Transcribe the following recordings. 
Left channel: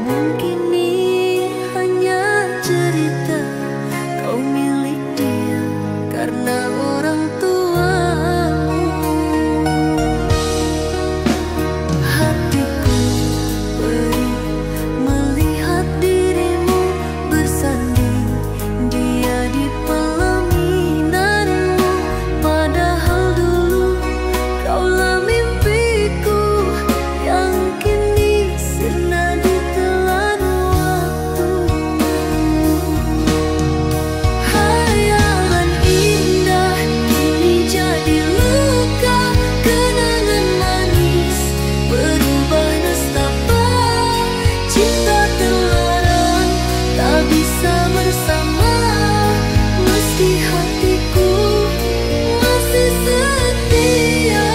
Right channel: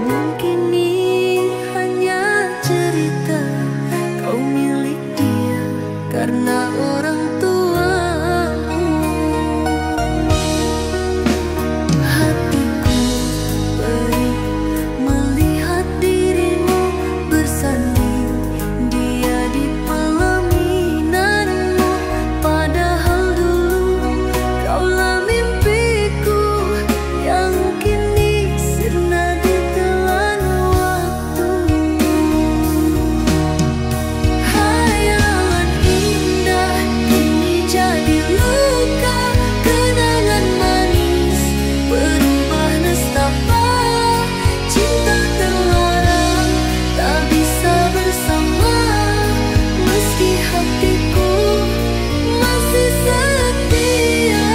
Namun kini hanya cerita kau milik dia karena orang tuamu. Hatiku perih melihat dirimu bersanding dia di pelaminanmu. Padahal dulu kaulah mimpiku yang kini sirna ditelan waktu. Hayalan indah kini jadi luka, kenangan manis berubah nestapa. Cinta terlarang tak bisa bersama, meski hatiku masih setia.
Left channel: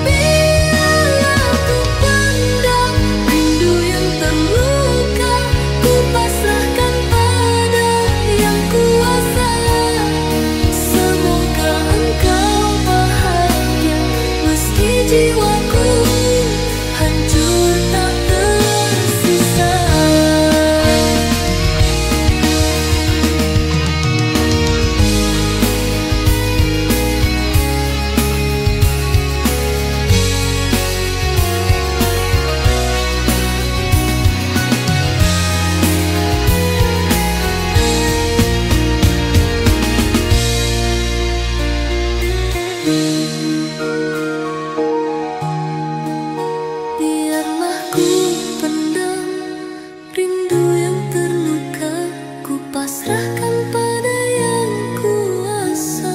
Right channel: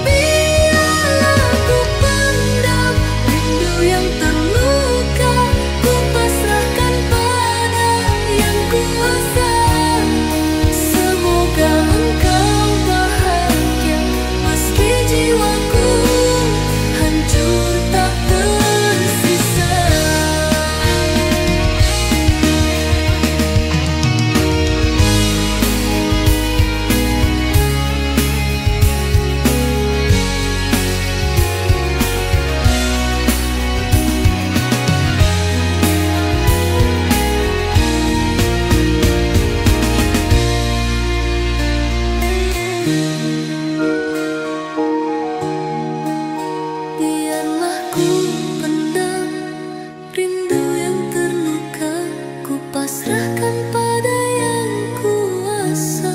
Biarlah ku pendam rindu yang terluka, ku pasrahkan pada yang kuasa. Semoga engkau bahagia meski jiwaku hancur tak tersisa. Biarlah ku pendam rindu yang terluka, ku pasrahkan pada yang kuasa.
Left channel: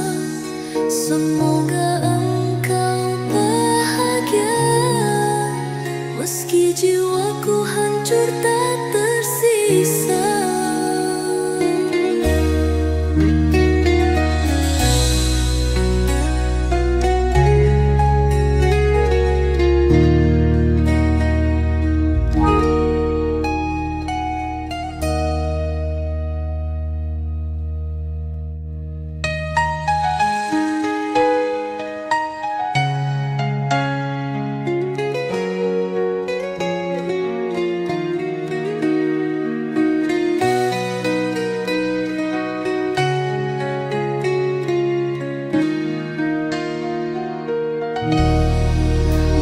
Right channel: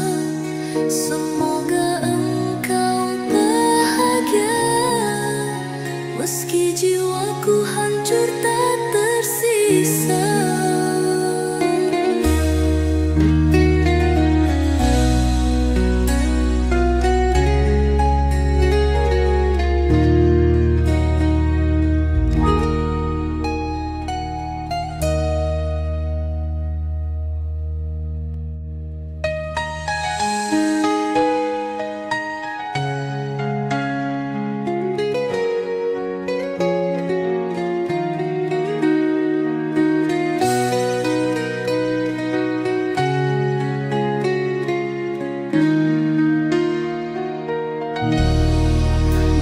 Semoga engkau bahagia meski jiwaku hancur tak tersisa.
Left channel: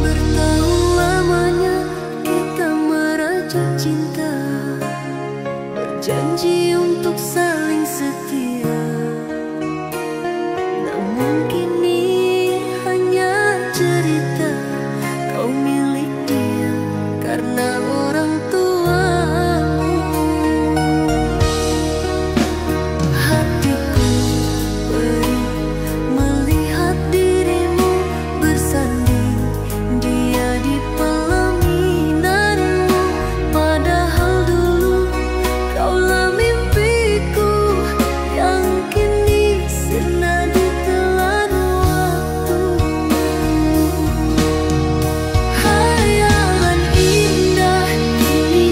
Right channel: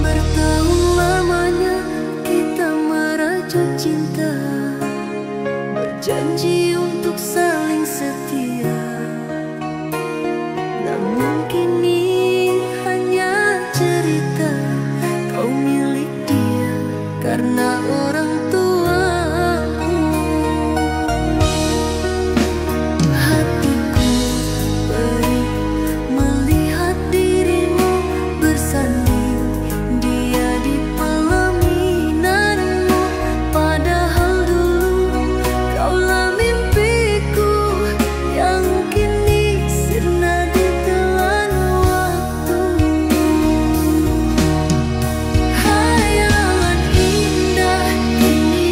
Bertahun lamanya kita merajut cinta, berjanji untuk saling setia. Namun kini hanya cerita kau milik dia karena orang tuamu. Hatiku perih melihat dirimu bersanding dia di pelaminanmu. Padahal dulu kaulah mimpiku yang kini sirna ditelan waktu. Hayalan indah kini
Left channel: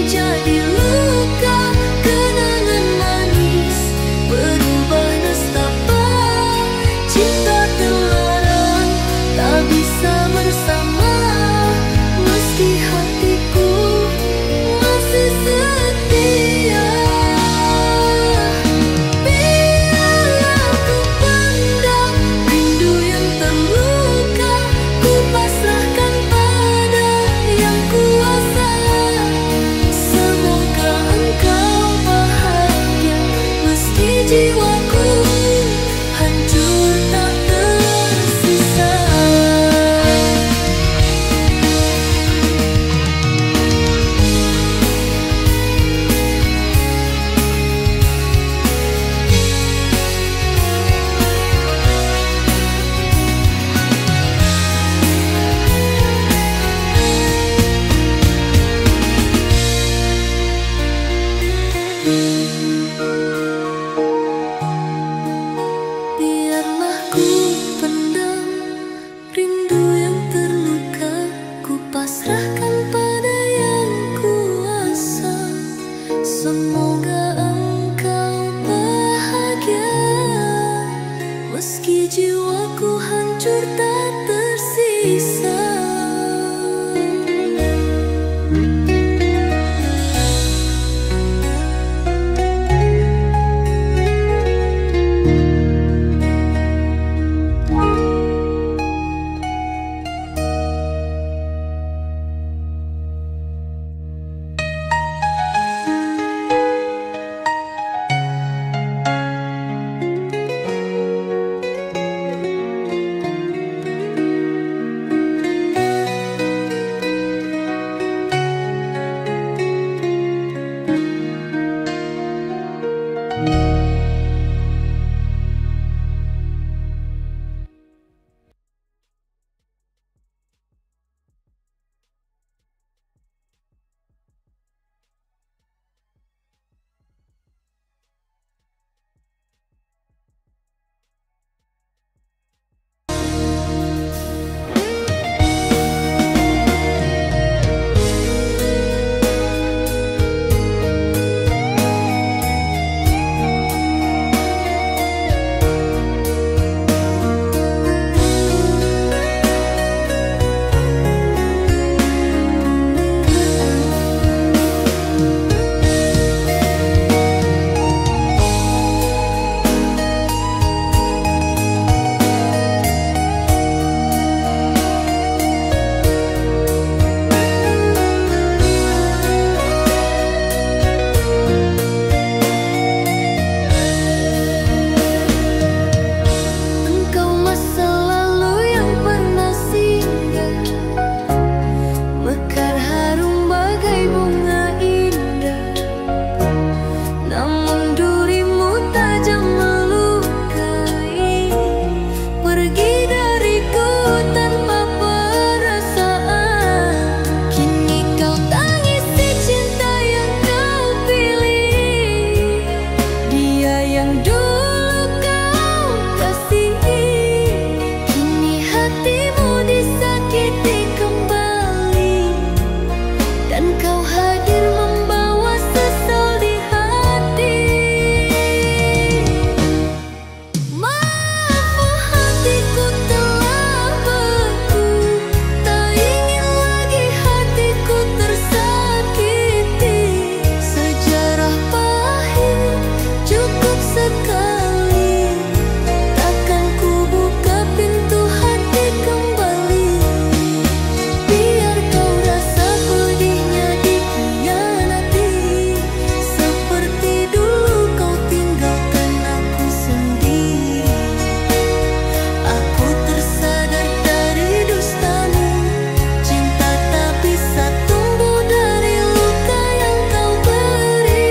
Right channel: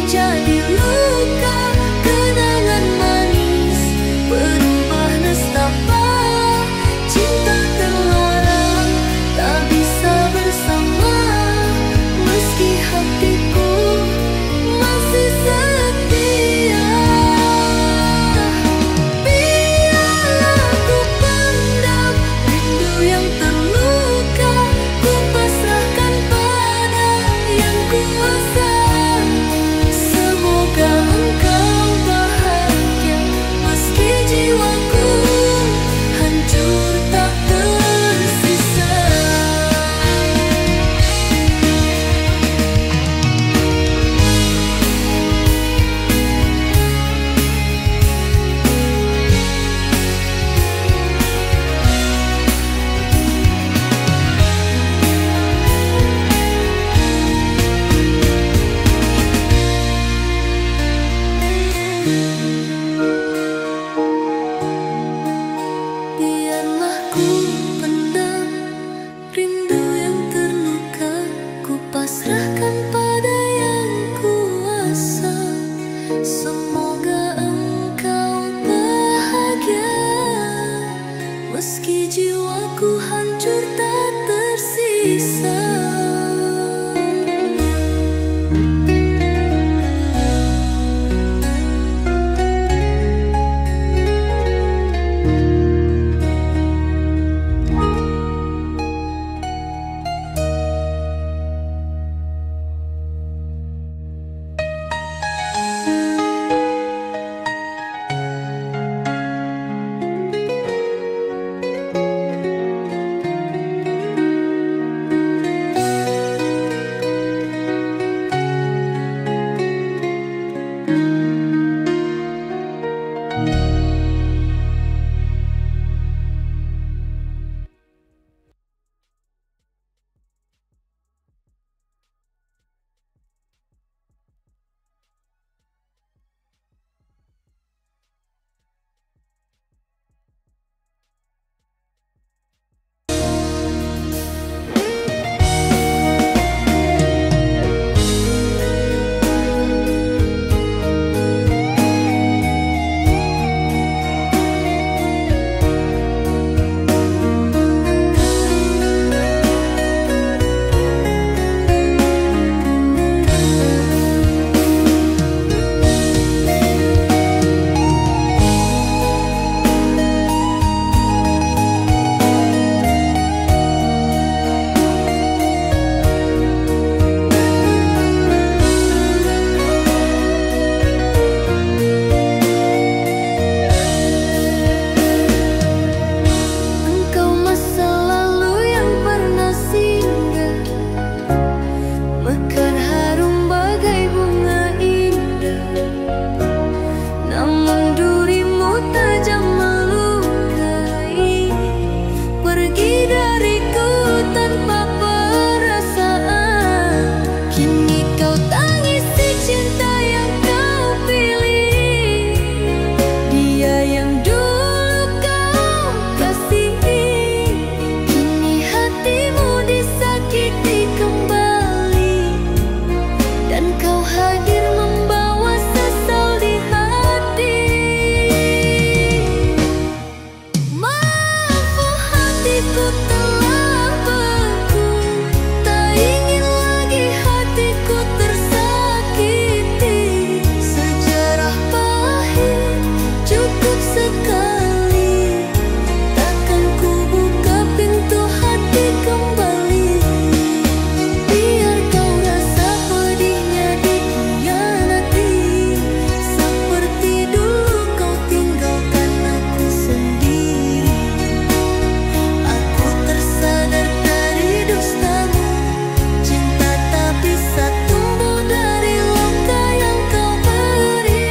bisa tumbuh dari luka yang kau beri.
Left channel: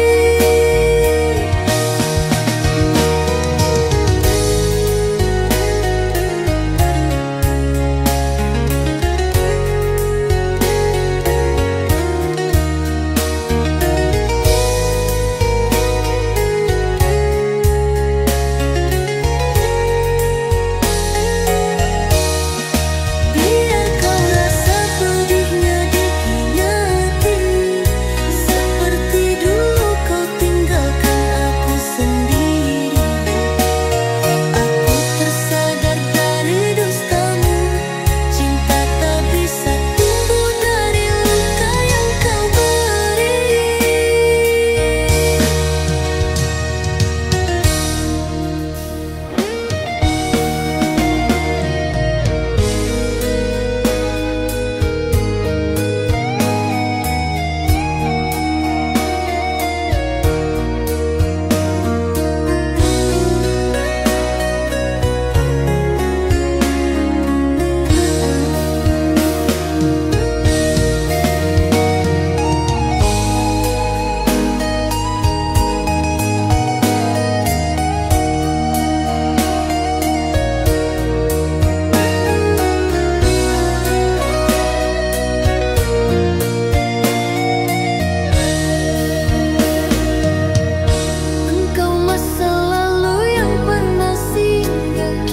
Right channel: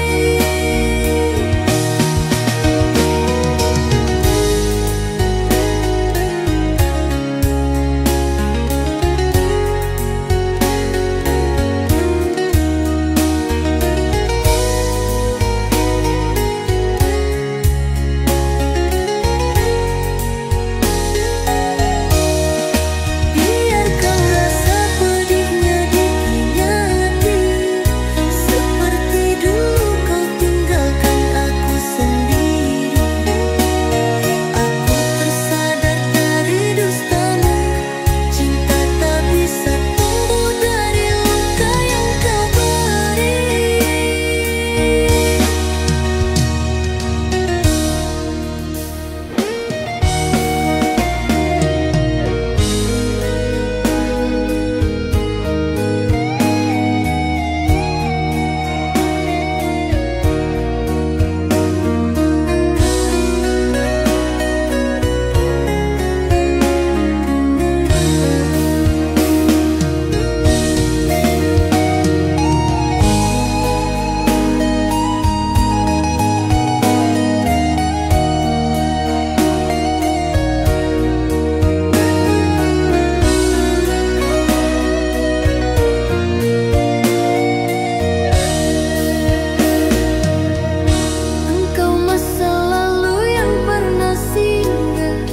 Biar kau rasa pedihnya dikhianati, seperti dulu kau tinggalkan aku sendiri. Aku tersadar dari dustamu, cinta tak bisa tumbuh dari luka yang kau beri. Engkau masa lalu yang pernah singgah,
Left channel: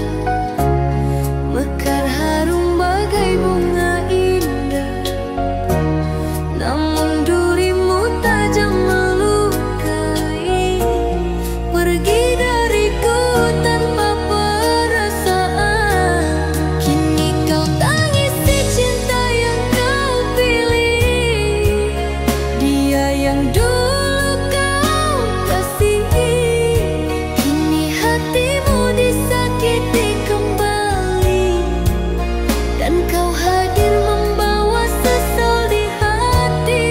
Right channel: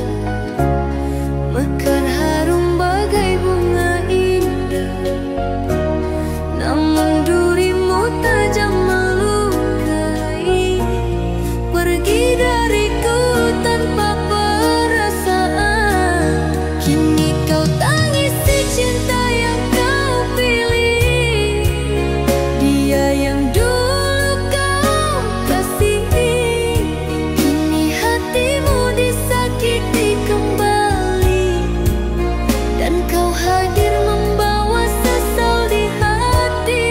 mekar harum bagai bunga indah. Namun durimu tajam melukai, pergi dariku tanpa perasaan. Kini kau tangisi cinta yang kau pilih, dia yang dulu kau kasihi. Kini hatimu disakiti kembali, dan kau hadir membawa sesal di hati.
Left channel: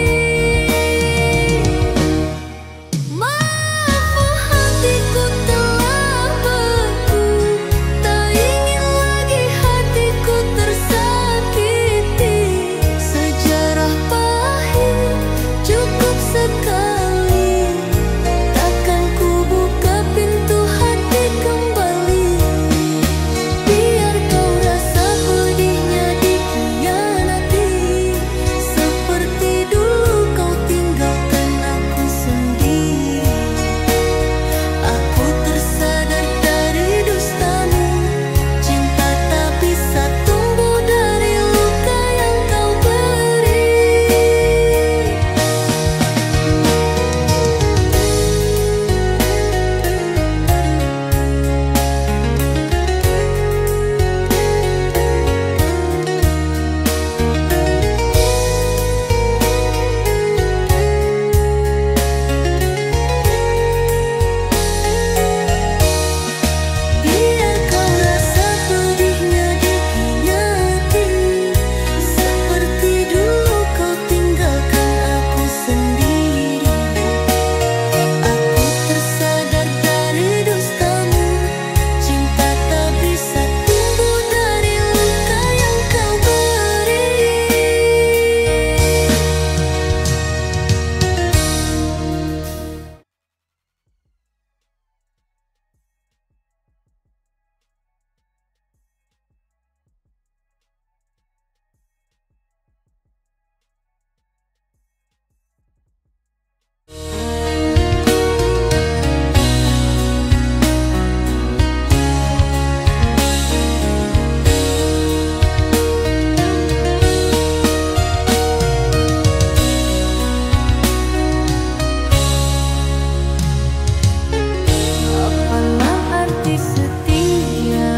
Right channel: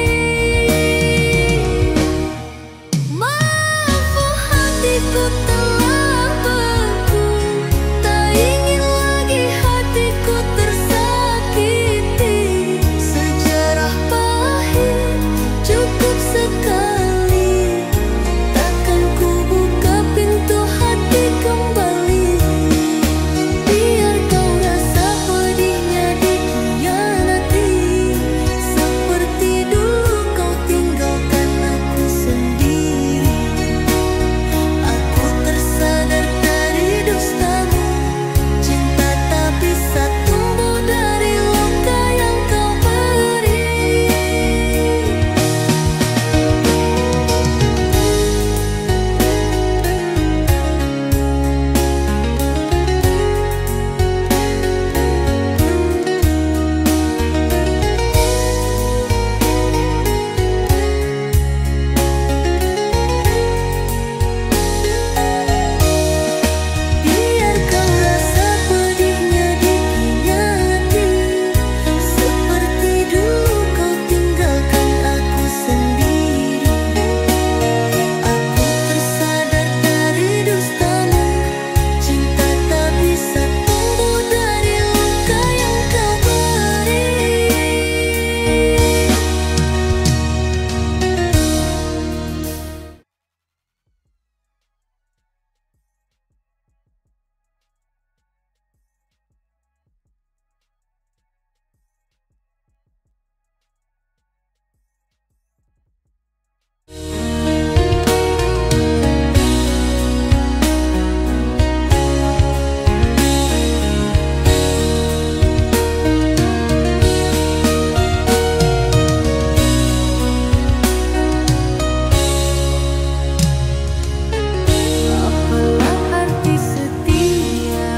Maaf, oh hatiku telah beku, tak ingin lagi hatiku tersakiti. Sejarah pahit cukup sekali, takkan ku buka pintu hati kembali. Biar kau rasa pedihnya dikhianati, seperti dulu kau tinggalkan aku sendiri. Aku tersadar dari dustamu, cinta tak bisa tumbuh dari luka yang kau beri. Biar kau rasa pedihnya dikhianati, seperti dulu kau tinggalkan aku sendiri. Aku tersadar dari dustamu, cinta tak bisa tumbuh dari luka yang kau beri. Apalah arti setia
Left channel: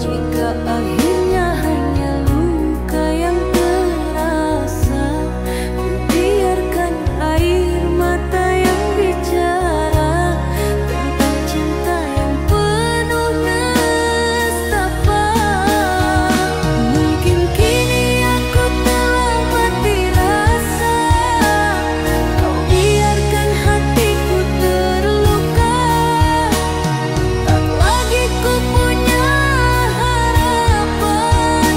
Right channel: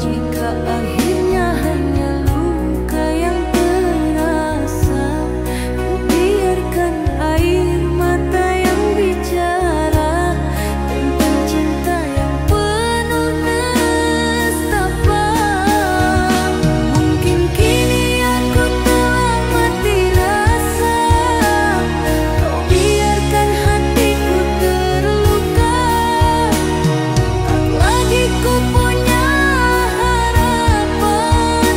jika akhirnya hanya luka yang terasa? Ku biarkan air mata yang bicara tentang cinta yang penuh nestapa. Mungkin kini aku telah mati rasa, kau biarkan hatiku terluka. Tak lagi ku punya harapan,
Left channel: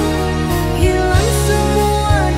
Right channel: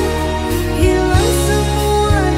hilang semua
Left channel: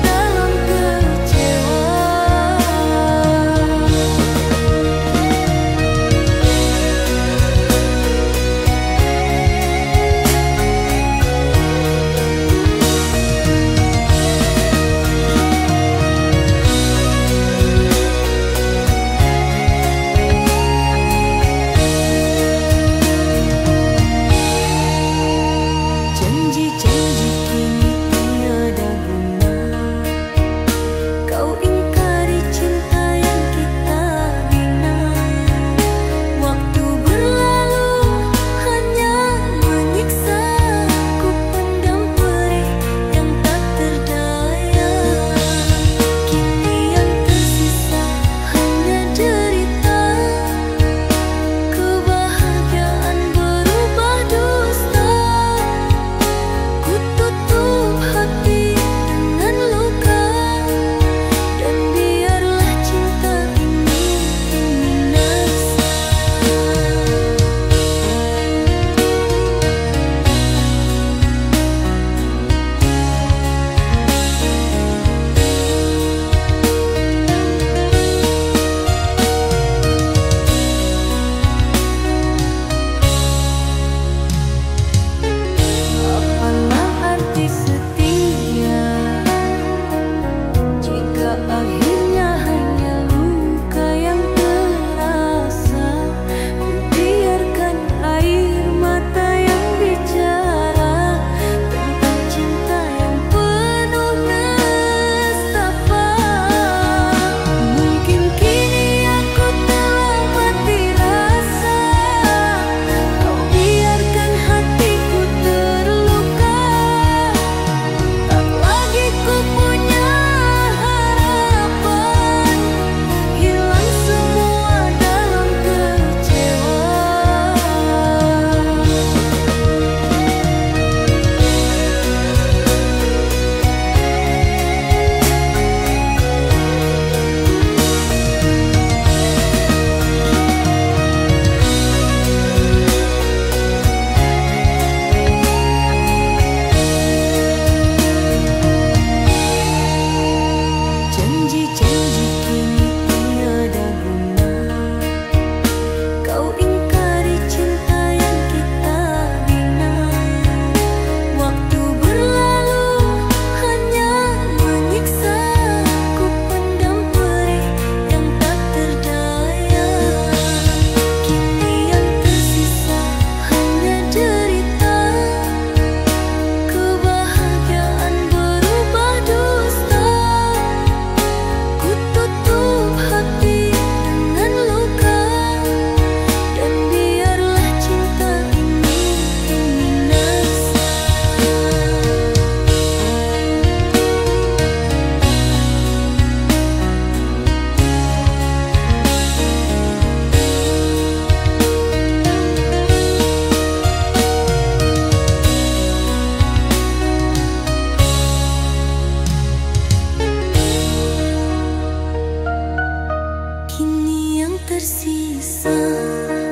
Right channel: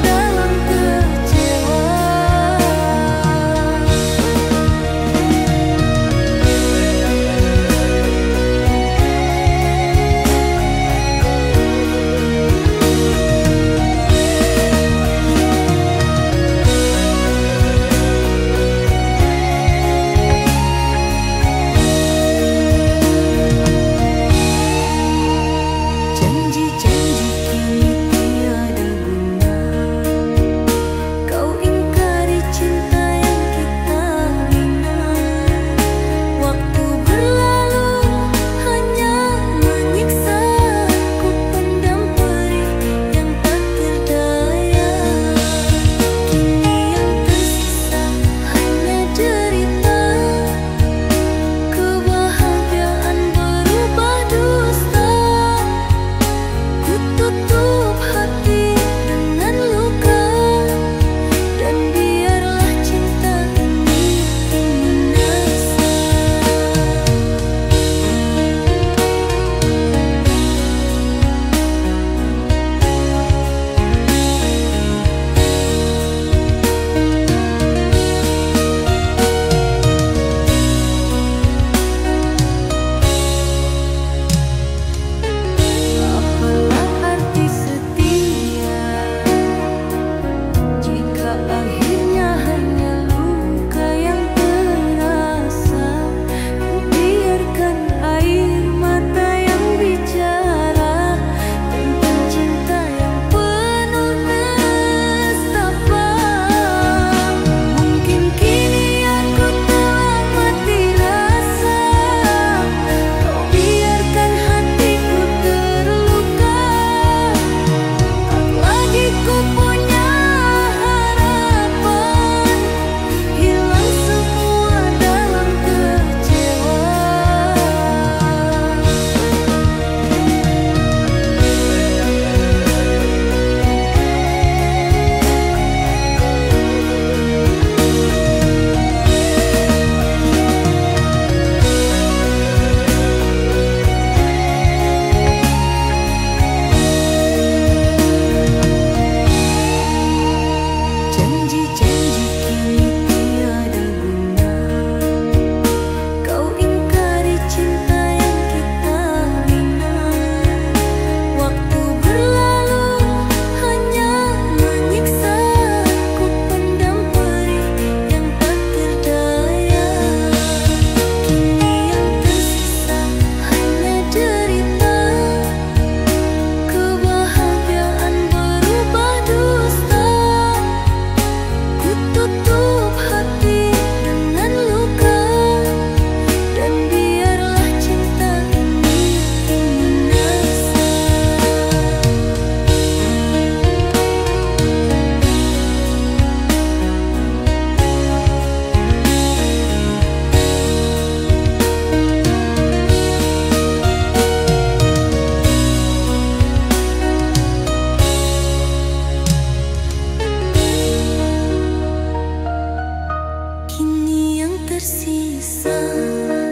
tersisa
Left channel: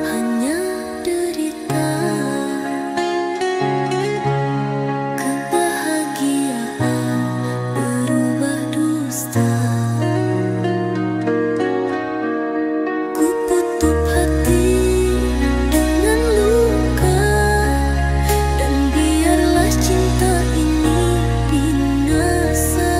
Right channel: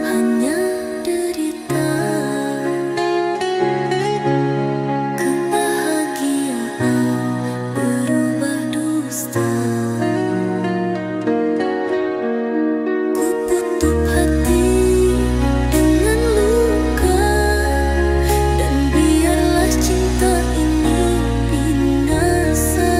hanya derita. Kebahagiaan berubah dusta. Ku tutup hati dengan luka, dan biarlah cinta ini binasa.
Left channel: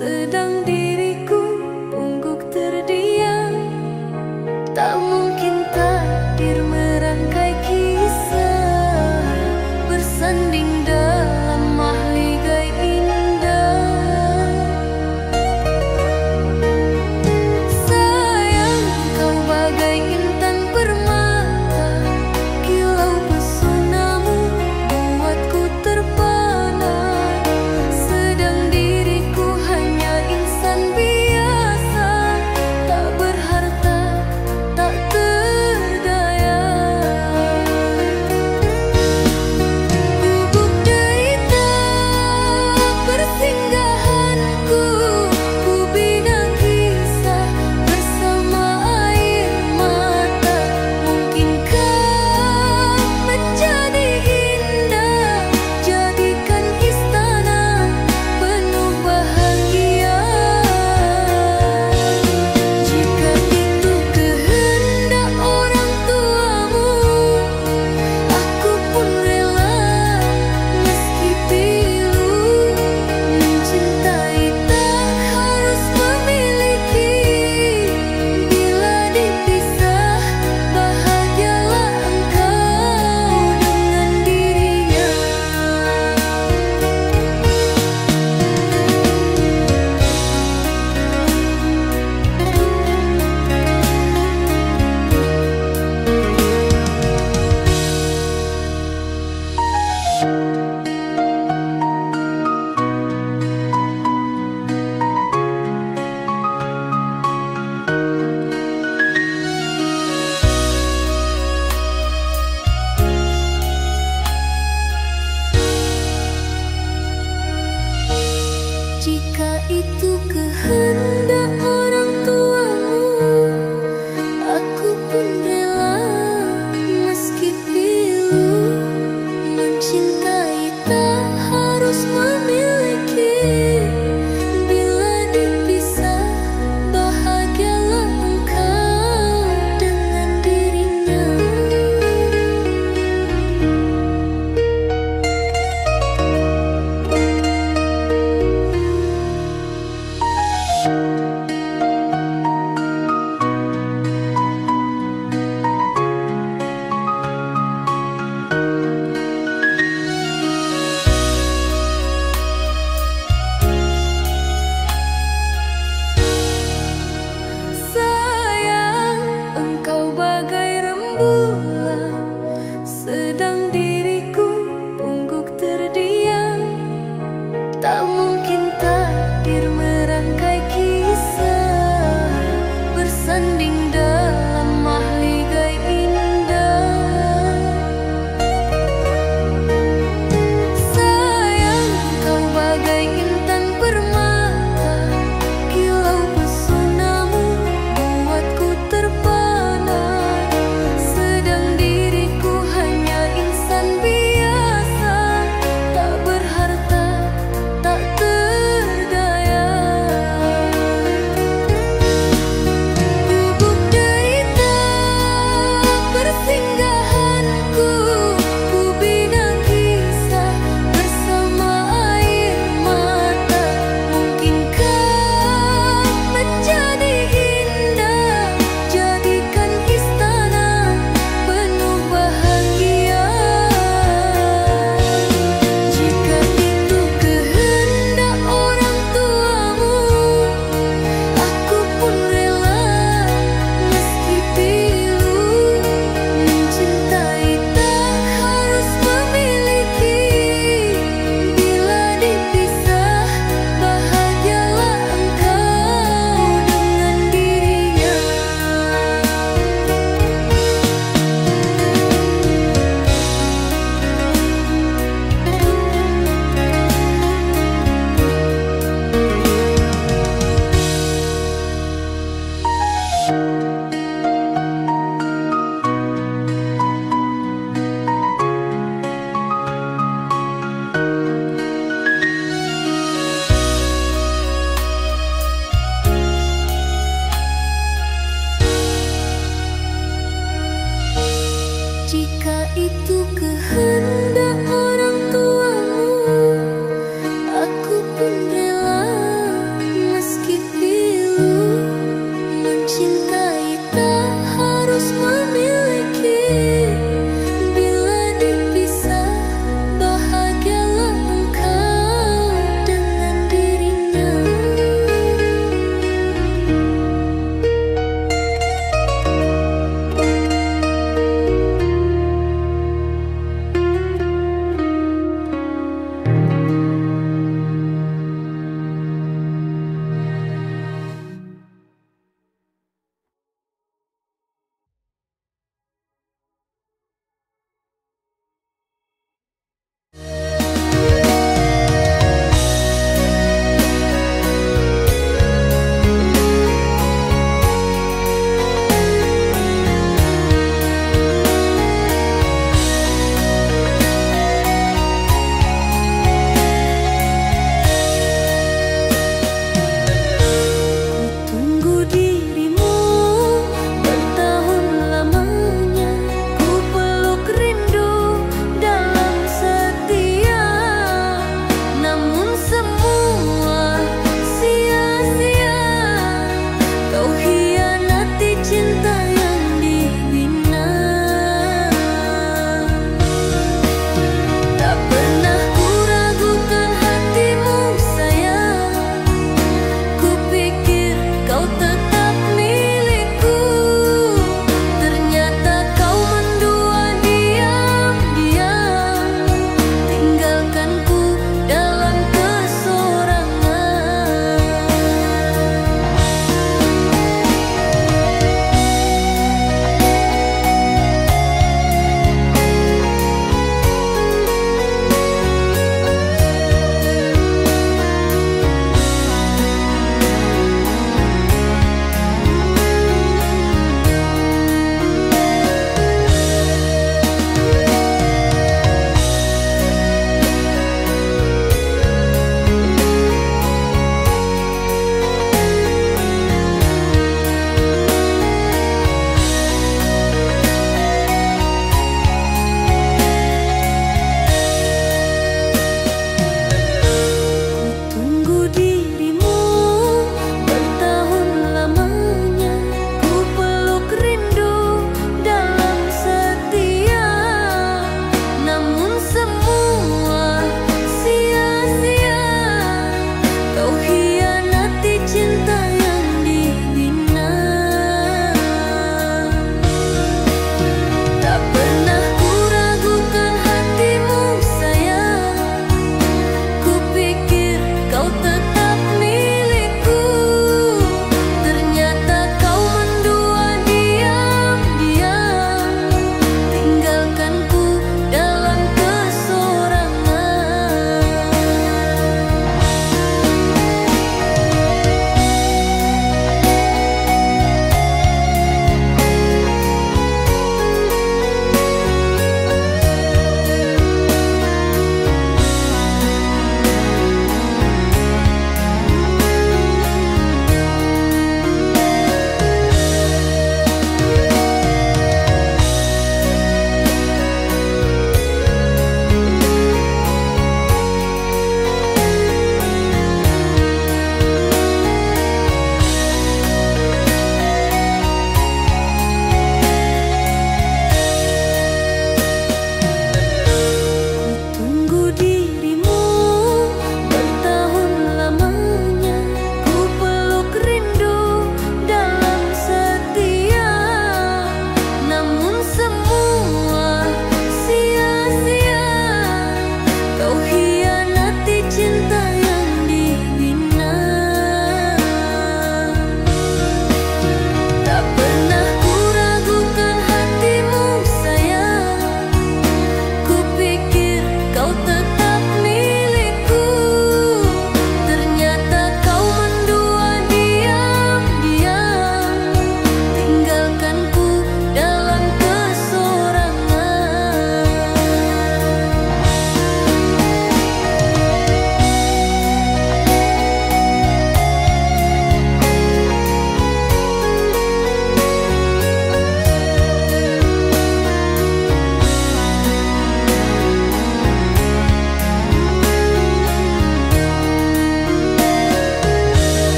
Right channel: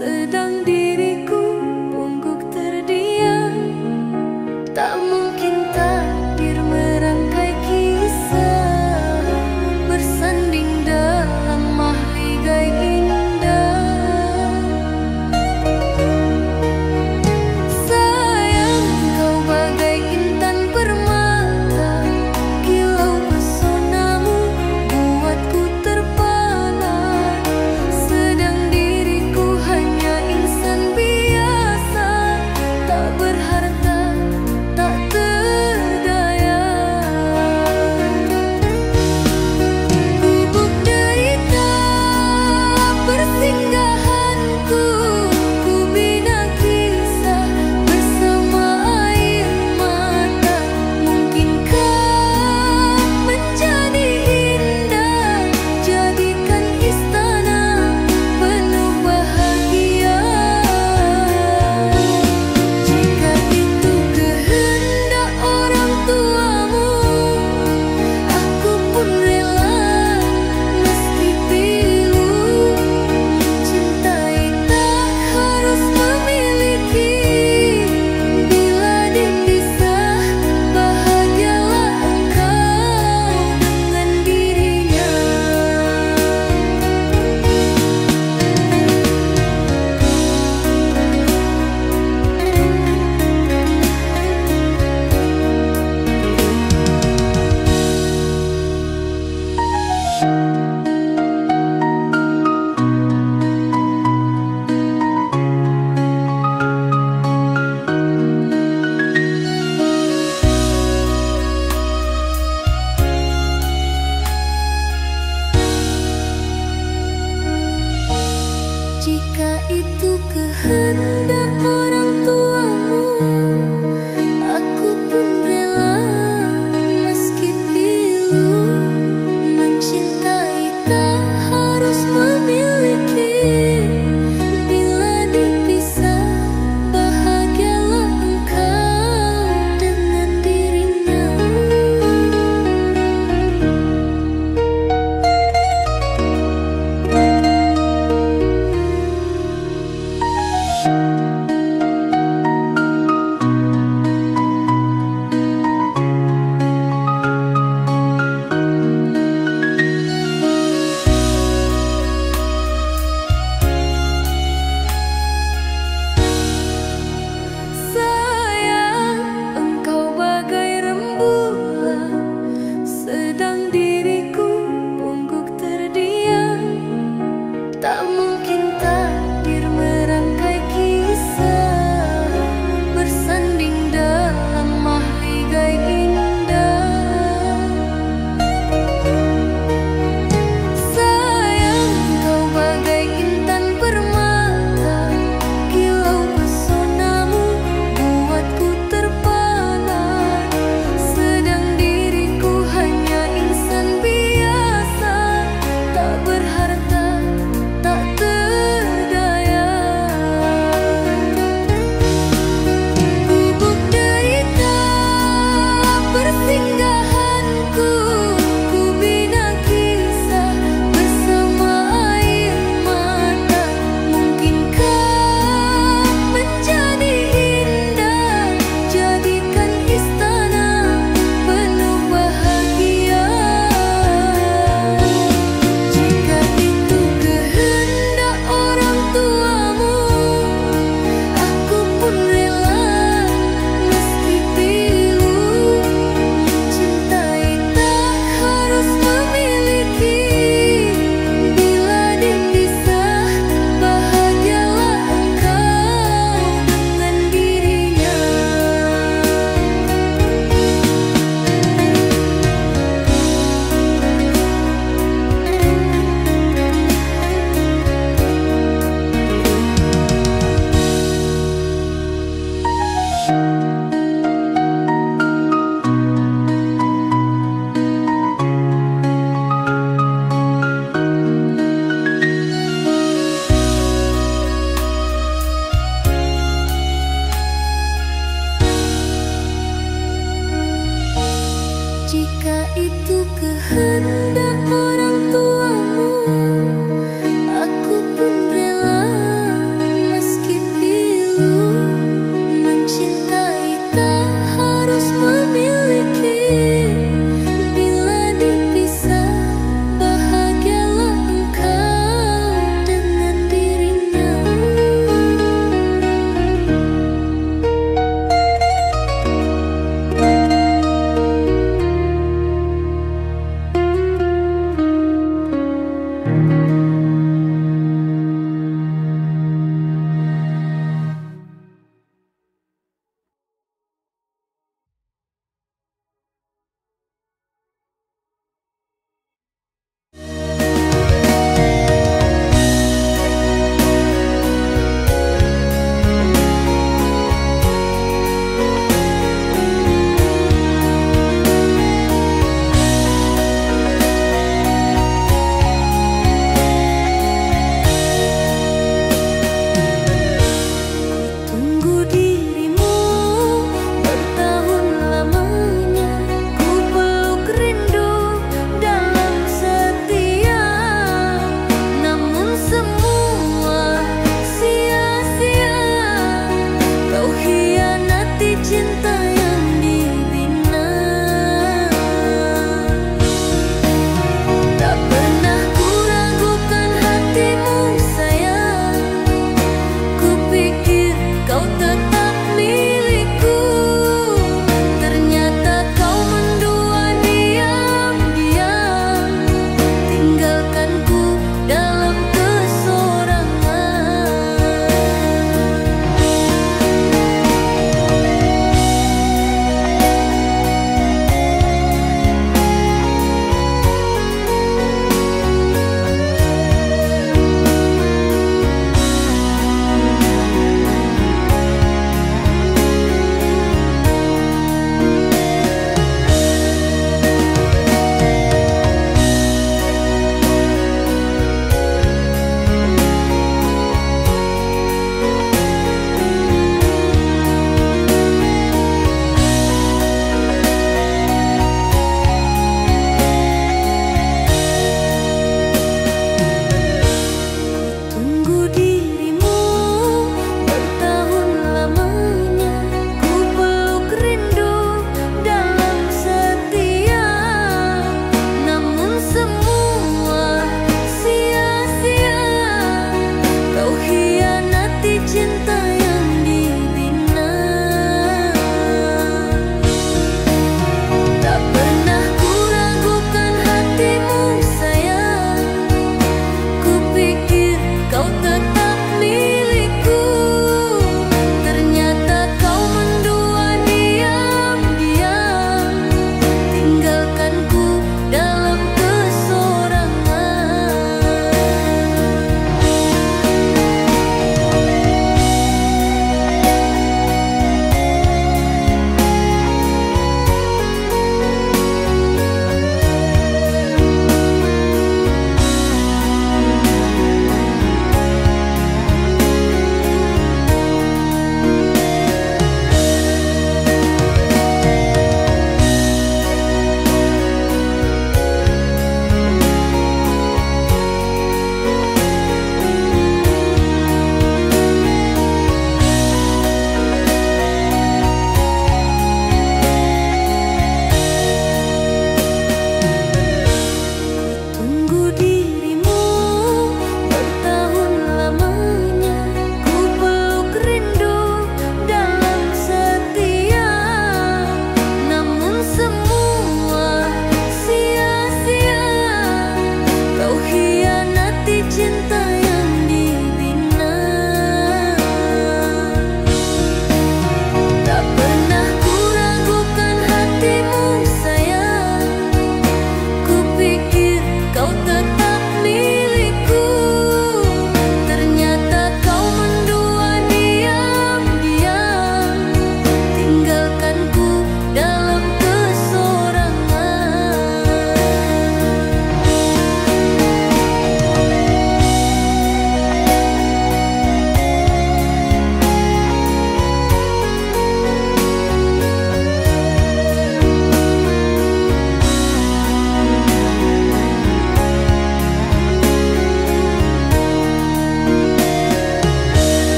Sedang diriku pungguk terdiam. Tak mungkin takdir merangkai kisah, bersanding dalam mahligai indah. Sayang, kau bagai intan permata, kilau pesonamu buatku terpana. Sedang diriku hanya insan biasa, tak berharta, tak terdaya. Gubuk derita persinggahanku, ku bina kisah bersama air mata. Mungkinkah menjadi indah, jadikan istana penuh bahagia. Jika itu kehendak orang tuamu, aku pun rela meski pilu. Mencintai tak harus memiliki, bila dipisah bahagialah engkau dengan dirinya. Jika itu kehendak orang tuamu, aku pun rela meski pilu. Mencintai tak harus memiliki, bila dipisah bahagialah engkau dengan dirinya. Jika itu kehendak orang tuamu, aku pun rela meski pilu. Mencintai tak harus memiliki. Bila dipisah, bahagialah engkau dengan dirinya.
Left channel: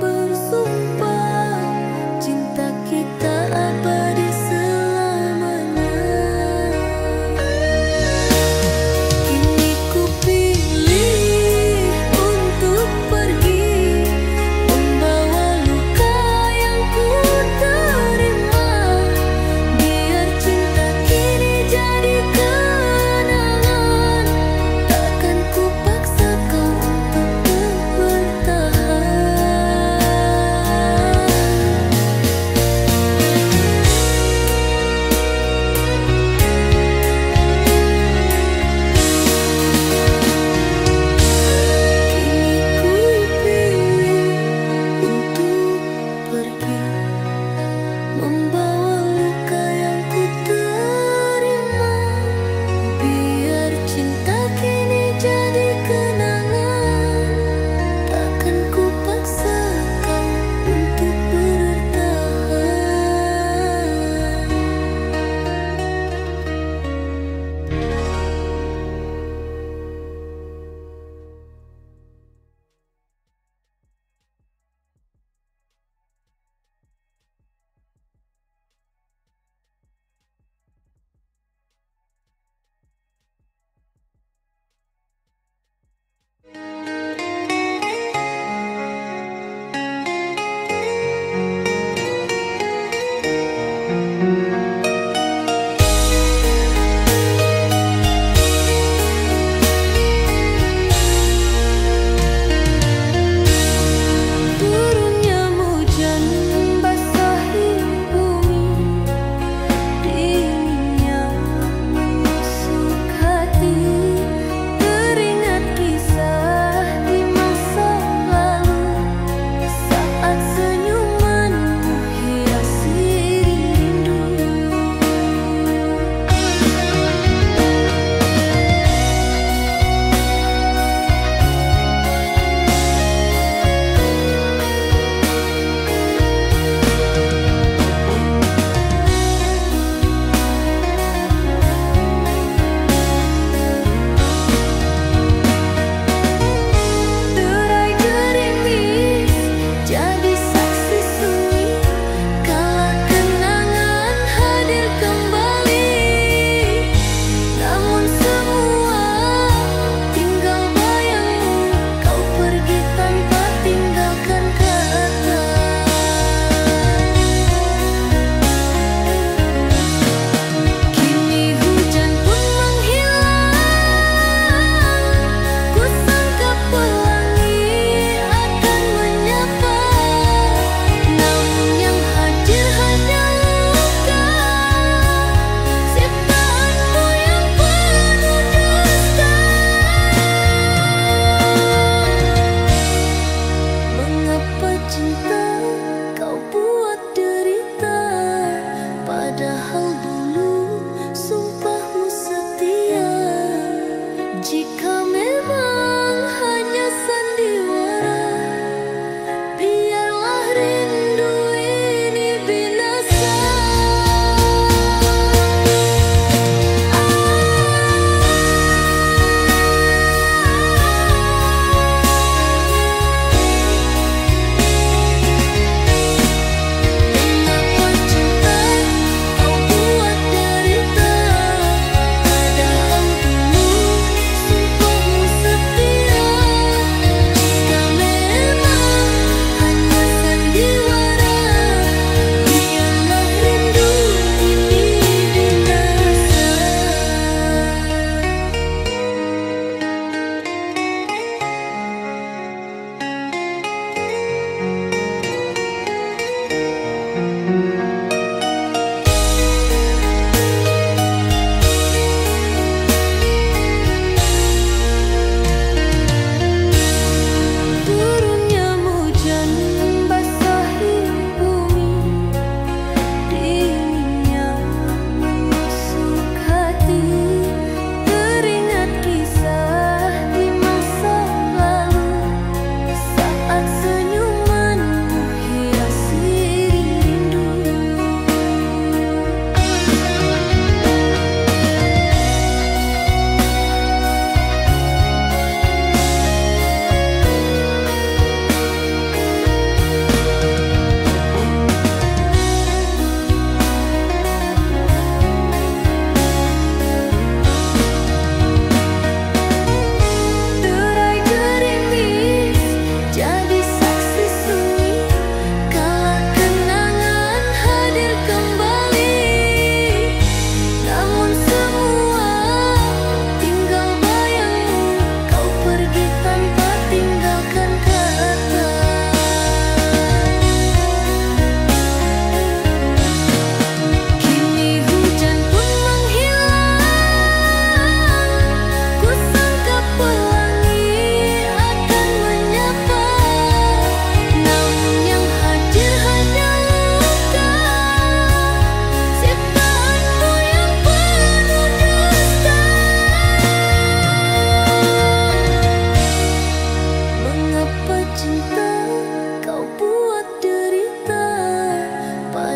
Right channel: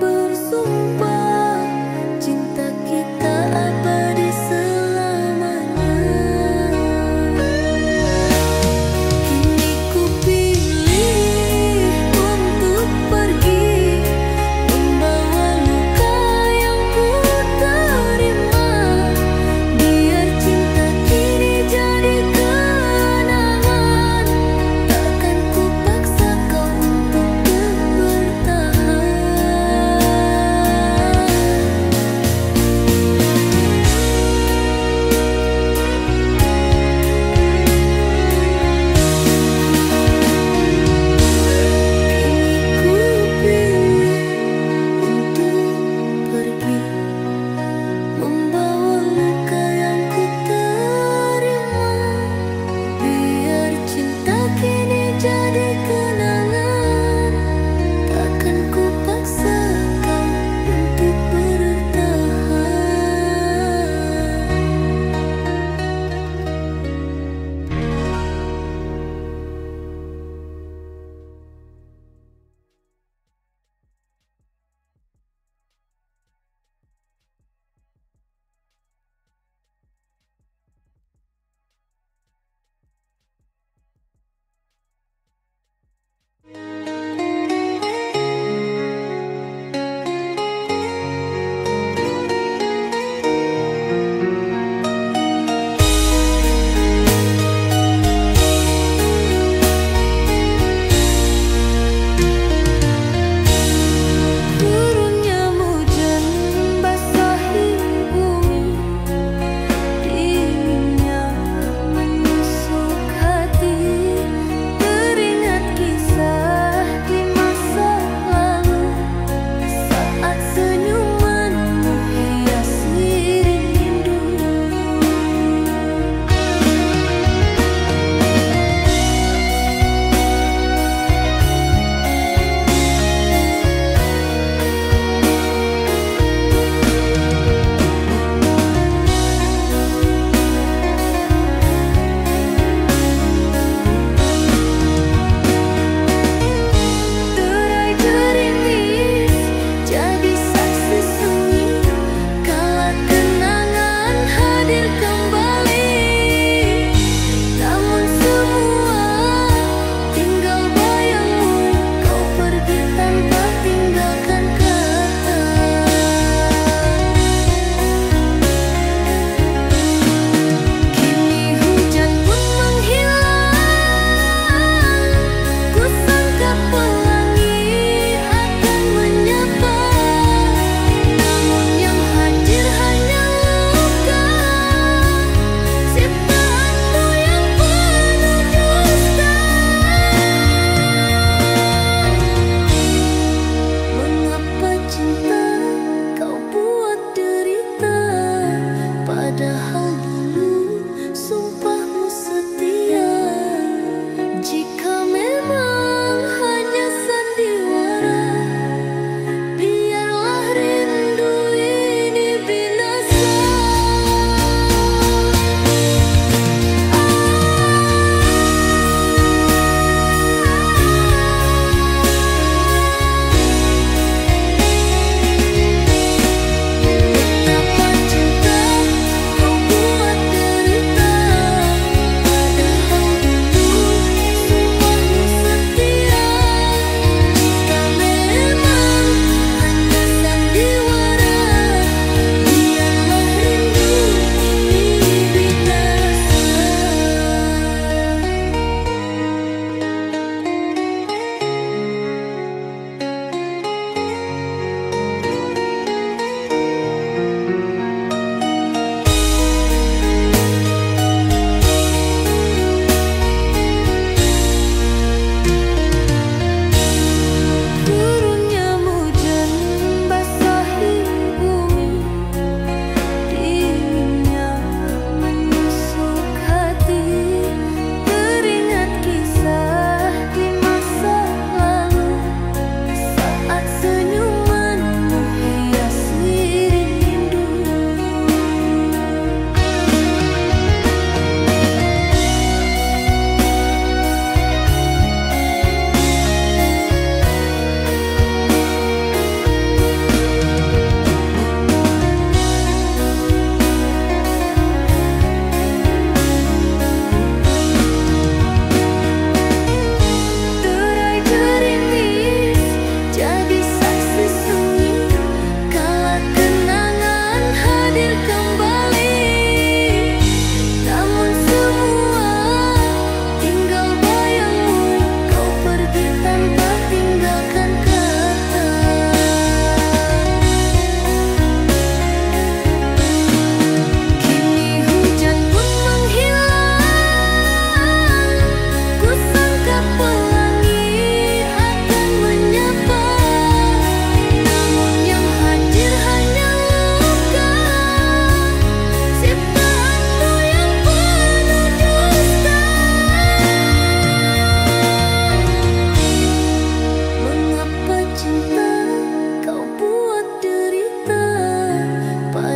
bersumpah cinta kita abadi selamanya. Kini ku pilih untuk pergi, membawa luka yang ku terima. Biar cinta kini jadi kenangan, takkan ku paksa kau untuk bertahan.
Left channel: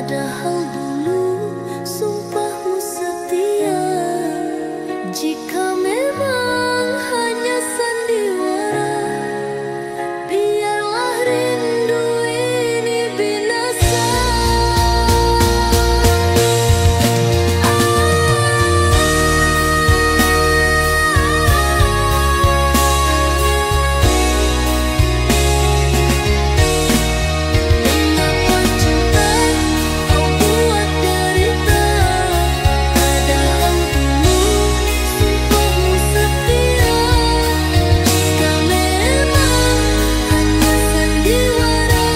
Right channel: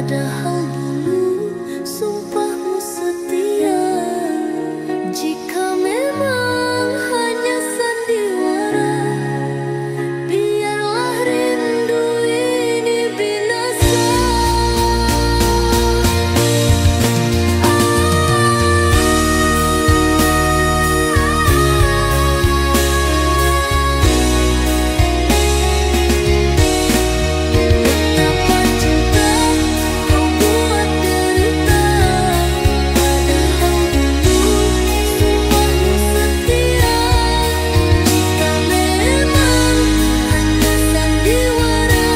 Padahal dulu sumpahmu setia. Jika memang hanya sandiwara, biarlah rindu ini binasa. Mengapa cinta kau buat derita? Padahal dulu sumpahmu setia. Jika memang hanya sandiwara,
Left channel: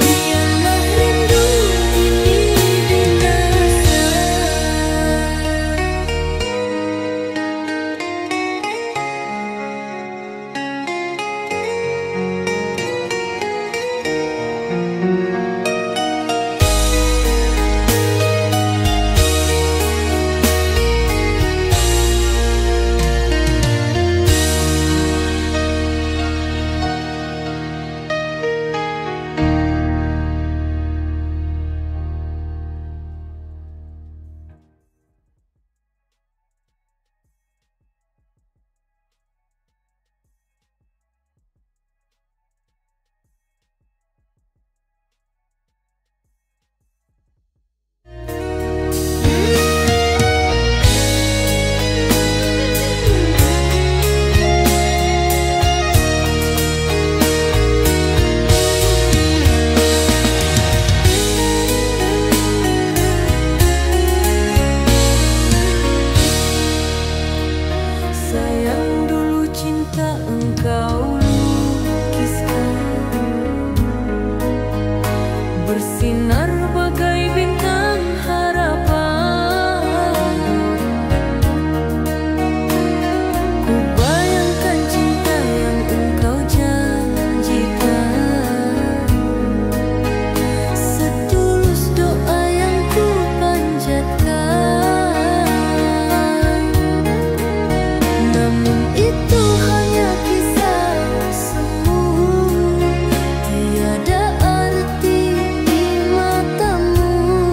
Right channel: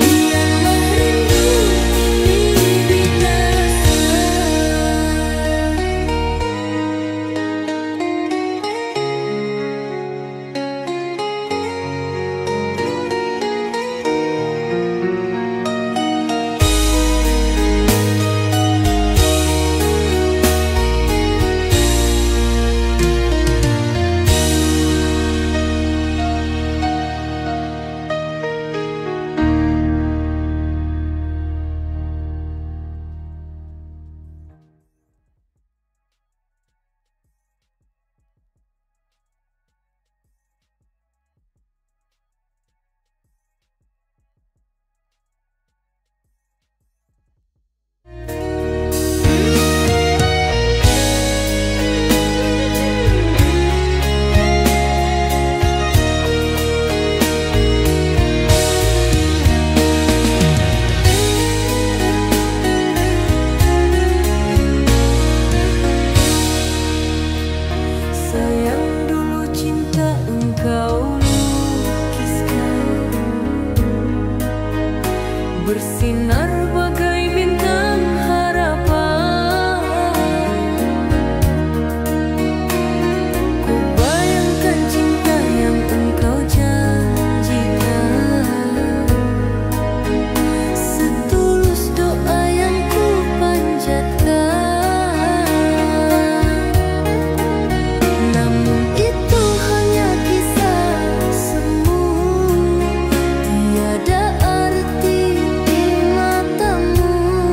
biarlah rindu ini binasa. Sayang, dulu cinta engkau lukiskan, bersinar bagai bintang harapan. Ku bayangkan cinta yang engkau janjikan, setulus doa yang ku panjatkan. Namun itu hanya kisah semu, tiada arti di matamu.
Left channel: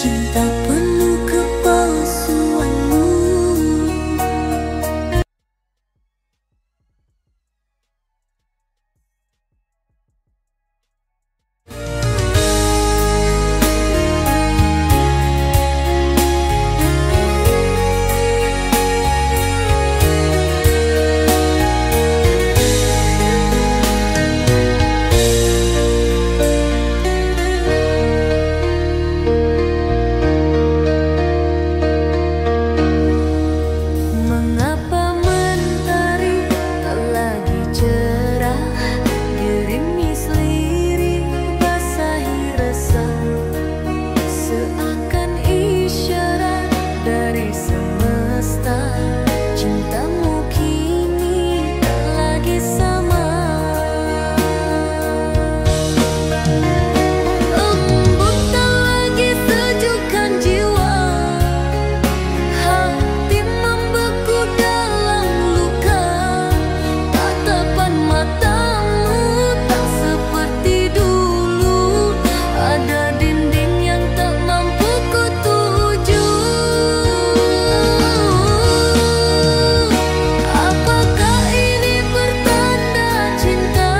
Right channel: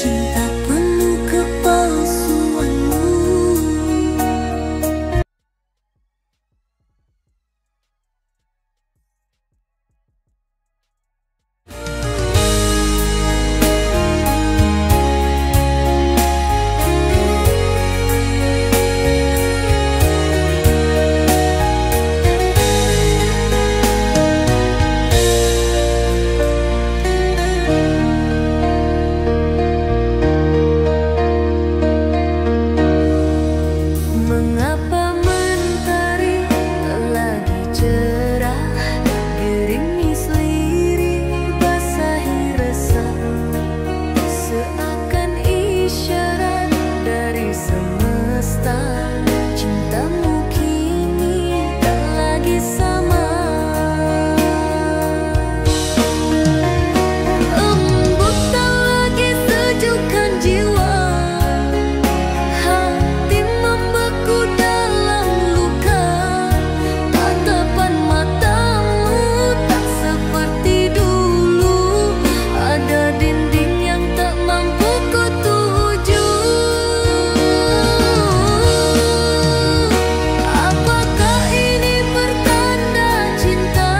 cinta penuh kepalsuanmu. Mengapa mentari tak lagi cerah, gerimis lirik basahi resah, seakan isyarat dari semesta, cintamu kini tak lagi sama. Embun tak lagi sejukkan jiwa, hati membeku dalam luka. Tatapan matamu tak seperti dulu, ada dinding yang tak mampu ku tuju. Apakah ini pertanda cinta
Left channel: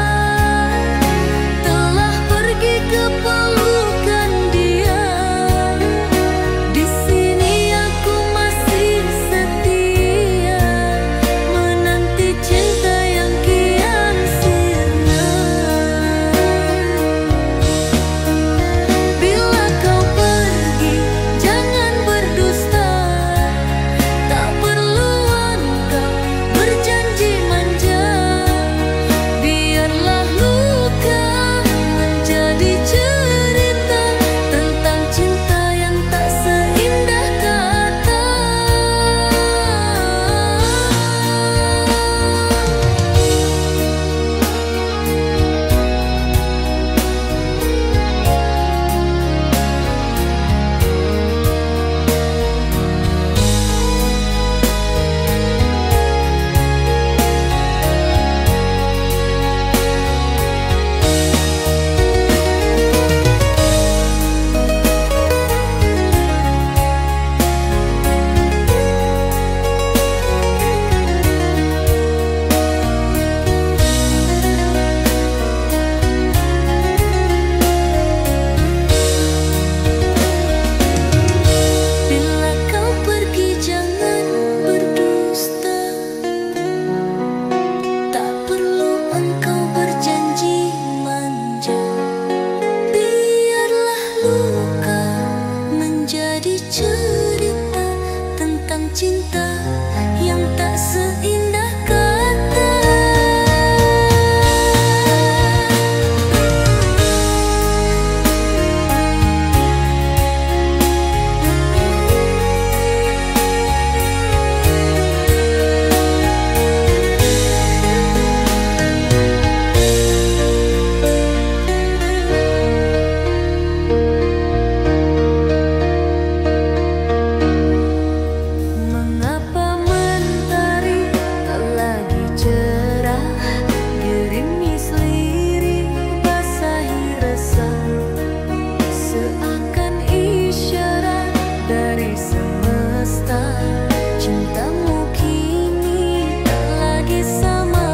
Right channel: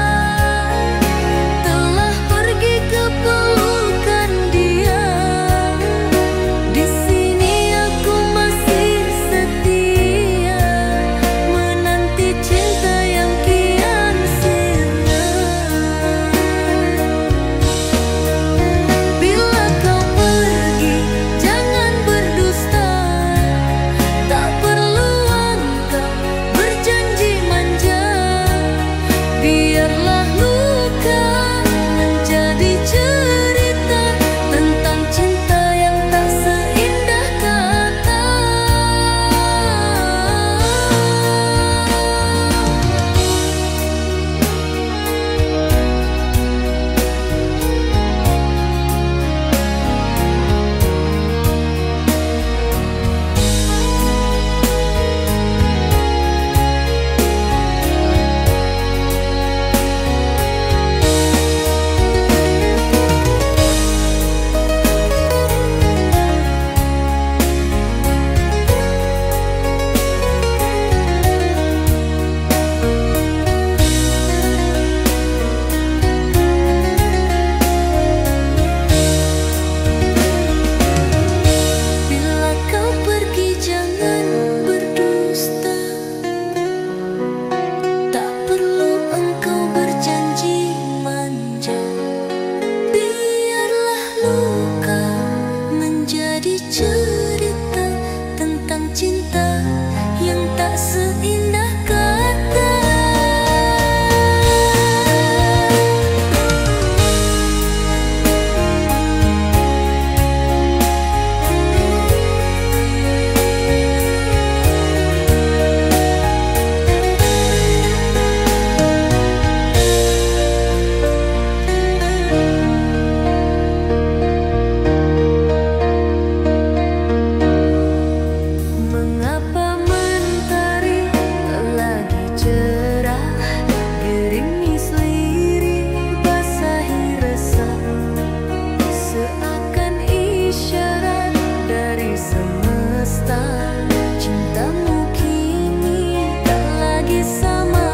telah pergi ke pelukan dia? Di sini aku masih setia menanti cinta yang kian sirna. Bila kau pergi, jangan berdusta. Tak perlu engkau berjanji manja. Biarlah luka menjadi cerita tentang cinta yang tak seindah kata. Bila kau pergi jangan berdusta. Tak perlu engkau berjanji manja. Biarlah luka menjadi cerita tentang cinta yang tak seindah kata. Mengapa mentari tak lagi cerah, gerimis lirik basahi resah, seakan isyarat dari semesta, cintamu kini tak lagi sama.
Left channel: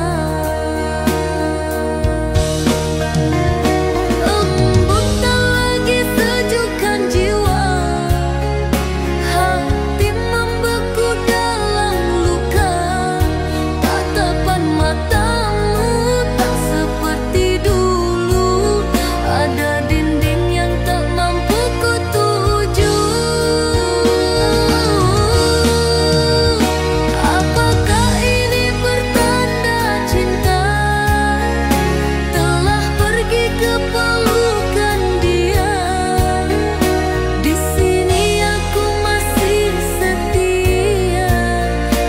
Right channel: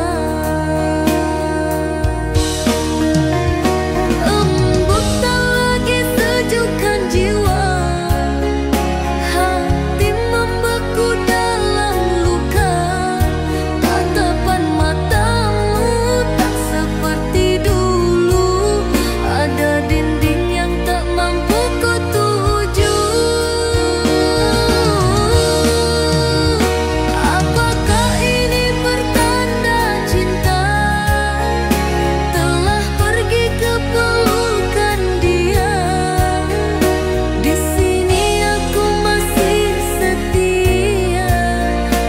Embun tak lagi sejukkan jiwa, hati membeku dalam luka. Tatapan matamu tak seperti dulu, ada dinding yang tak mampu ku tuju. Apakah ini pertanda cinta telah pergi ke pelukan dia? Di sini aku masih setia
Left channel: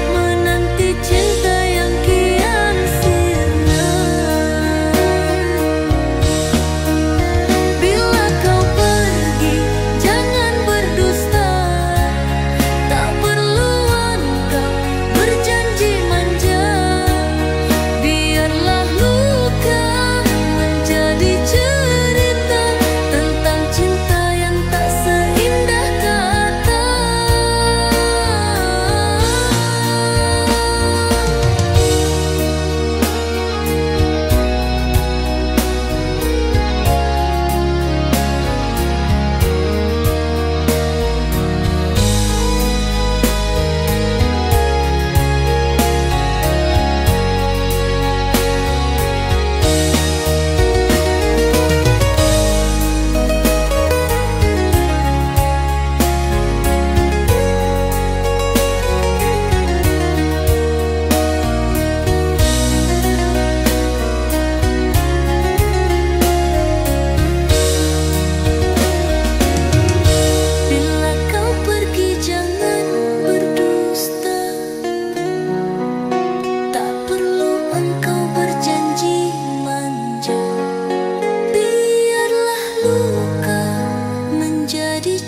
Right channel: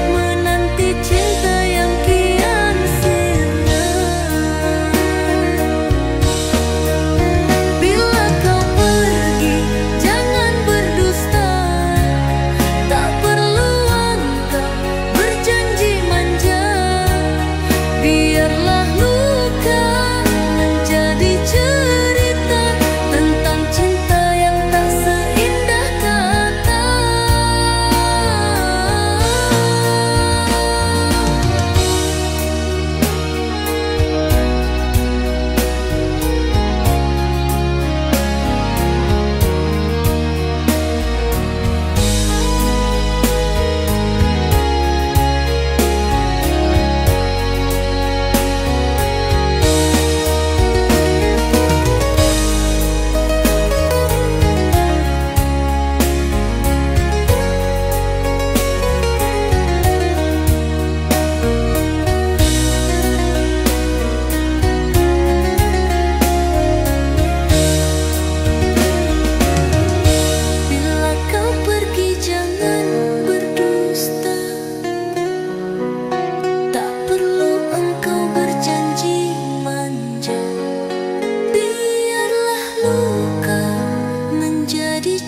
menanti cinta yang kian sirna. Bila kau pergi, jangan berdusta. Tak perlu engkau berjanji manja. Biarlah luka menjadi cerita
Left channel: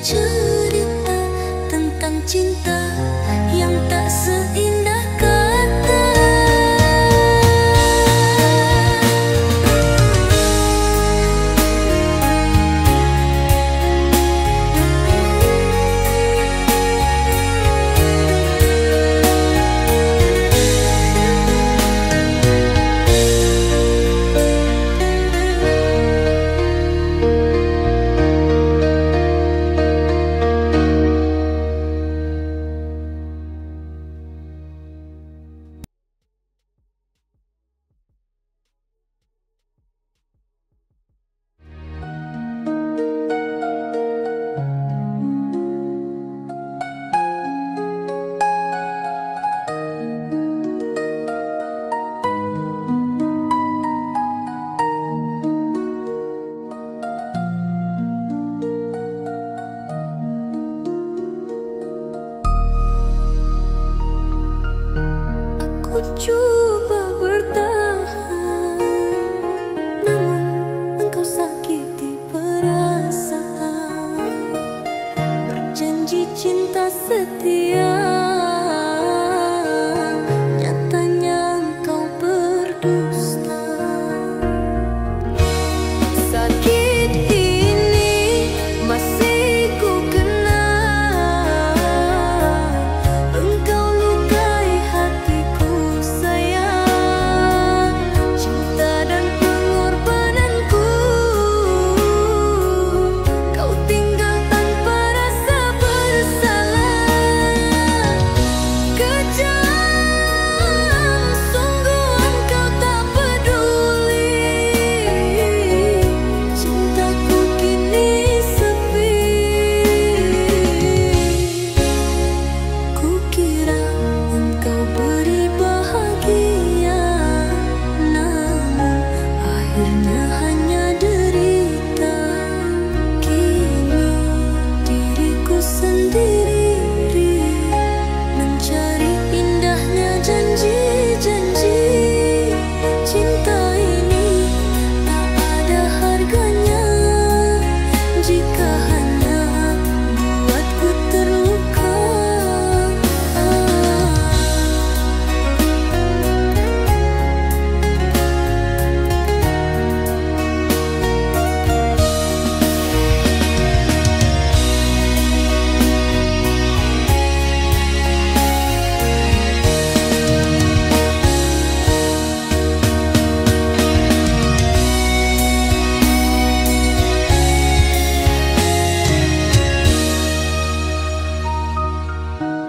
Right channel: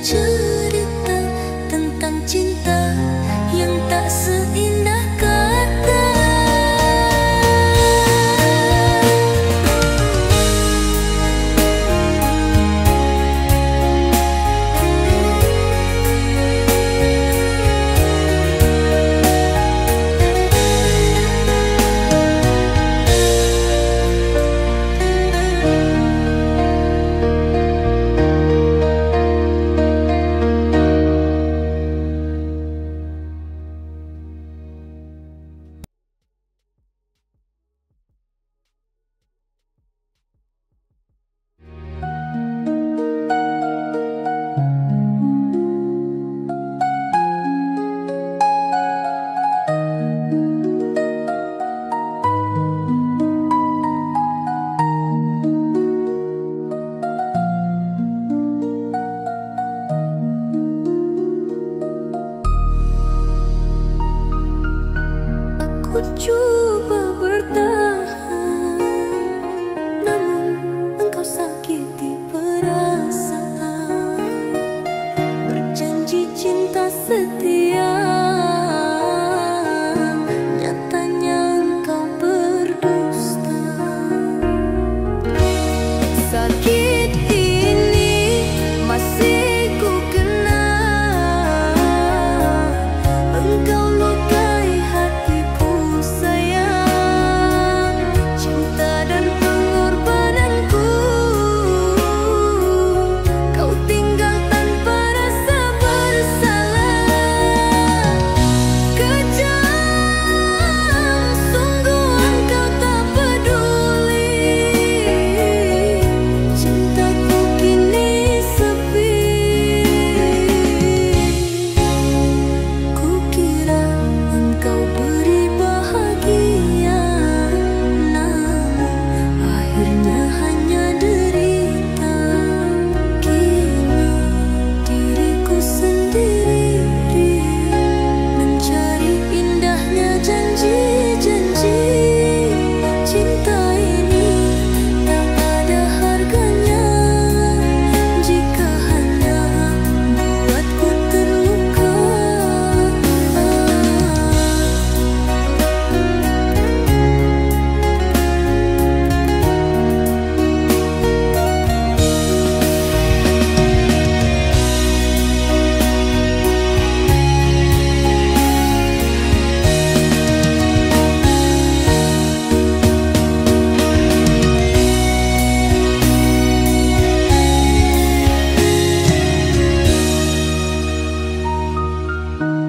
cerita tentang cinta yang tak seindah kata. Aku coba bertahan, namun engkau sakiti perasaan. Berjanji cinta setia, nyatanya engkau berdusta. Sakit ini masih ku kenal, engkau lukai hatiku sayang. Cinta dan pengorbananku kau tinggal tanpa rasa bersalah. Kejam, sungguh engkau tak peduli. Cintaku kini sepi. Kukira engkau beri bahagia, namun akhirnya hanya derita. Kini diriku sendiri mencari indahnya janji-janji. Cinta ini tak ada harganya jika hanya buatku terluka.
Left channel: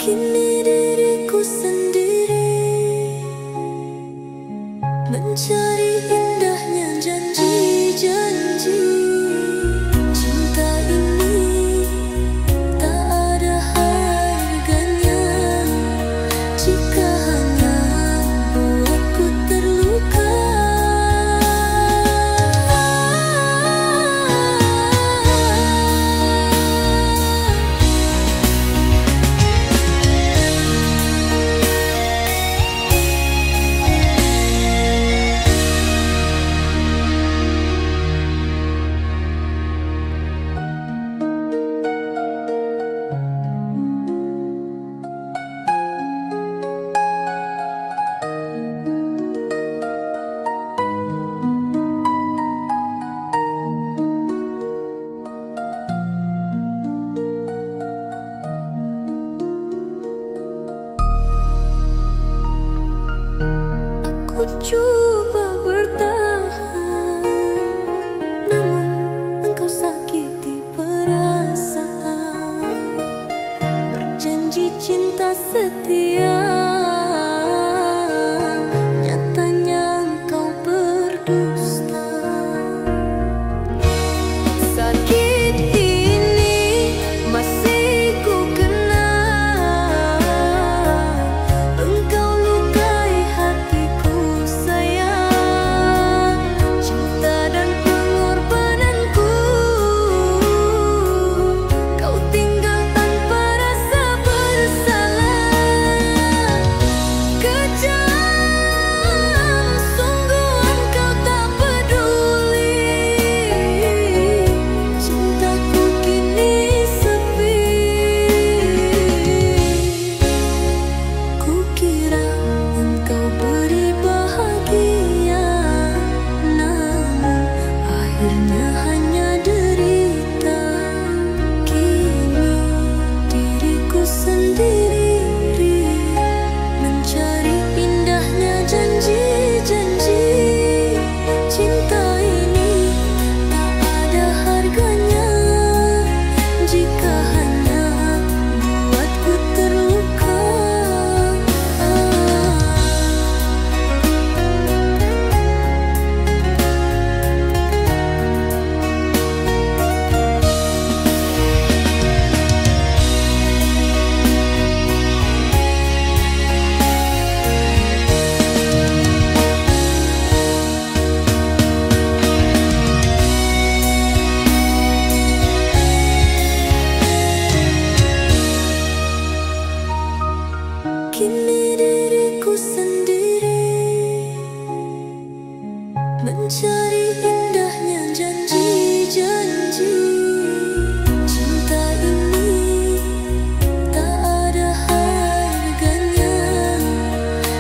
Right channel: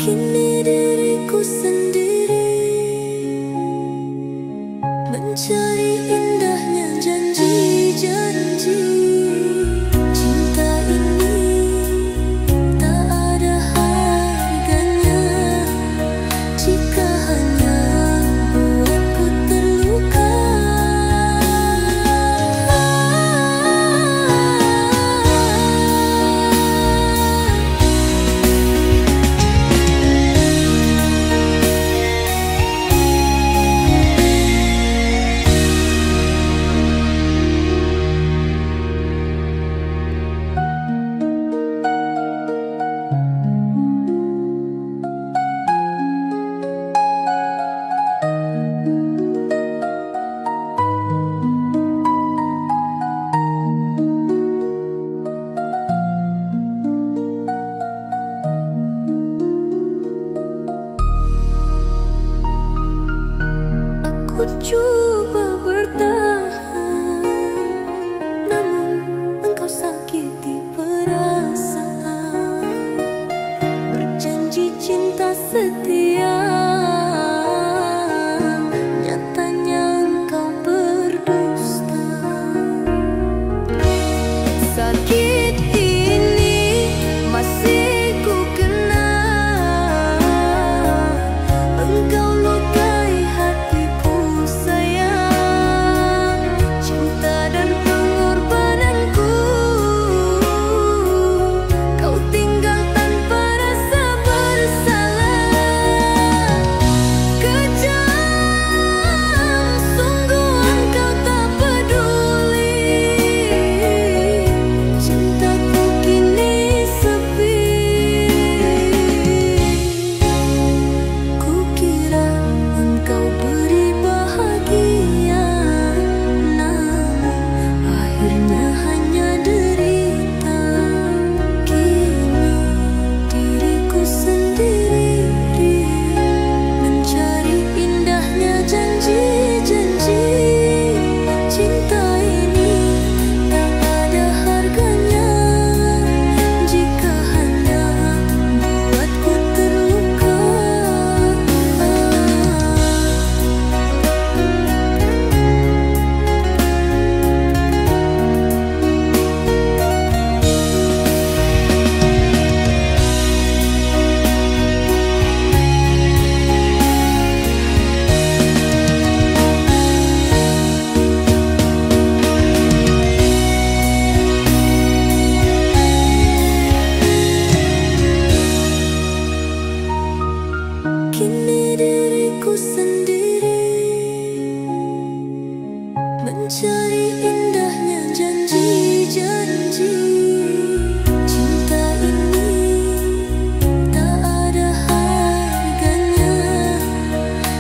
Kini diriku sendiri mencari indahnya janji-janji. Cinta ini tak ada harganya jika hanya buatku terluka. Aku coba bertahan, namun engkau sakiti perasaan. Berjanji cinta setia, nyatanya engkau berdusta. Sakit ini masih ku kenal, engkau lukai hatiku sayang. Cinta dan pengorbananku kau tinggal tanpa rasa bersalah. Kejam, sungguh engkau tak peduli. akhirnya hanya derita. Kini diriku sendiri mencari indahnya janji-janji. Cinta ini tak ada harganya jika hanya buatku terluka. Kini diriku sendiri mencari indahnya janji-janji. Cinta ini tak ada harganya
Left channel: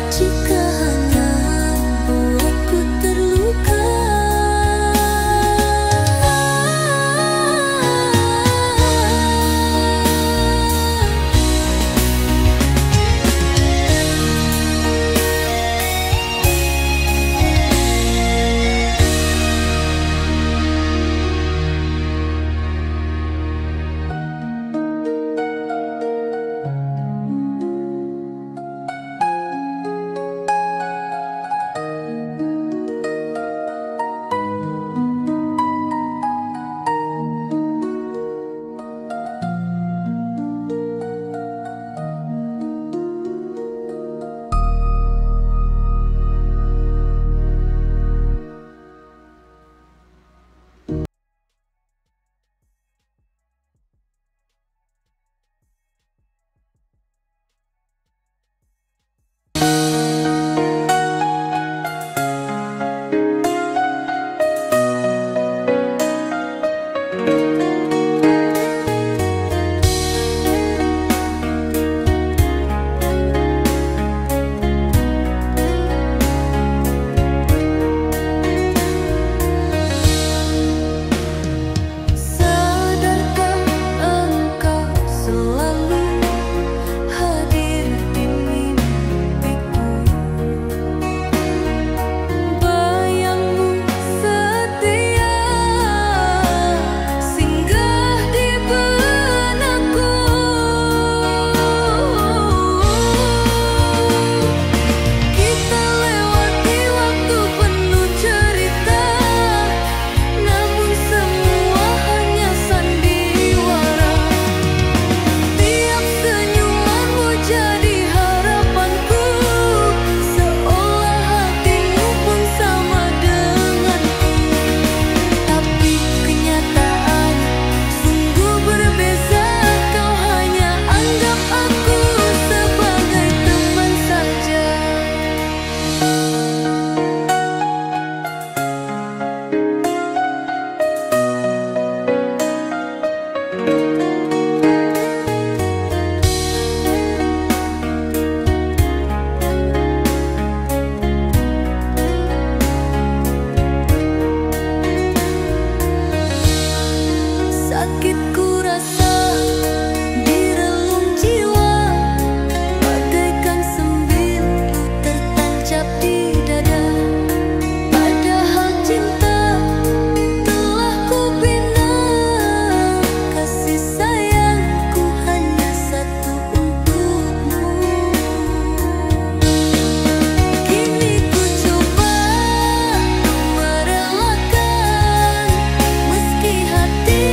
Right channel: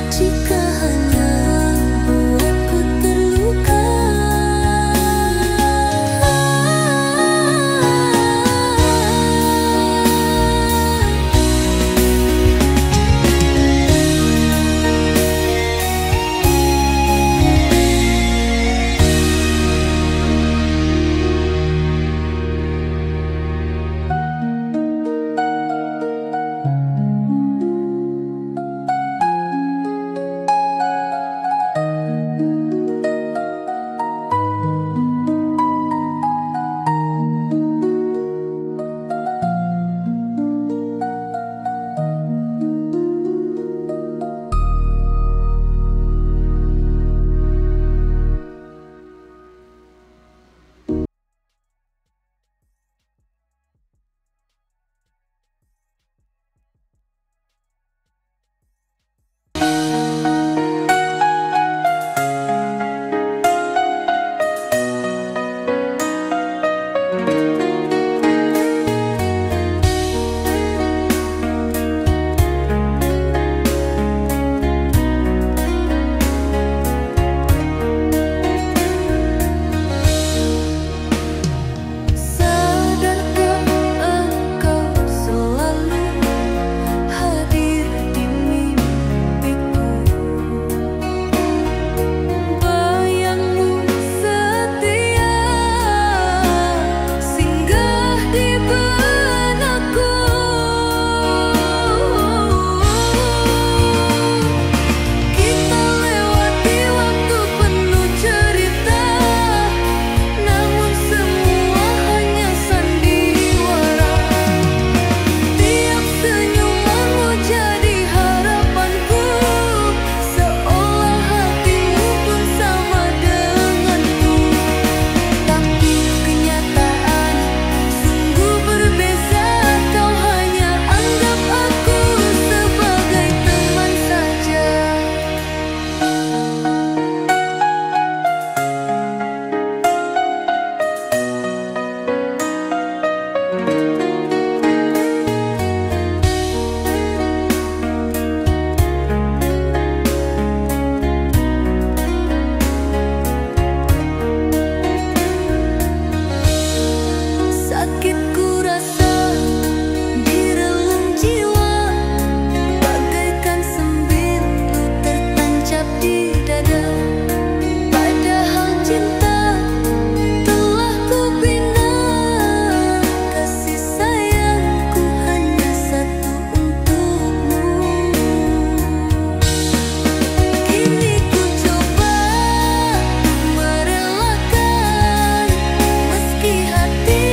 jika hanya buatku terluka. Sakitku rasa di relung jiwa, bagaikan sembilu tertancap di dada. Padahal cinta telah kubina, kasih sayangku hanya satu untukmu. Kini ku coba untuk merelakan, meski hati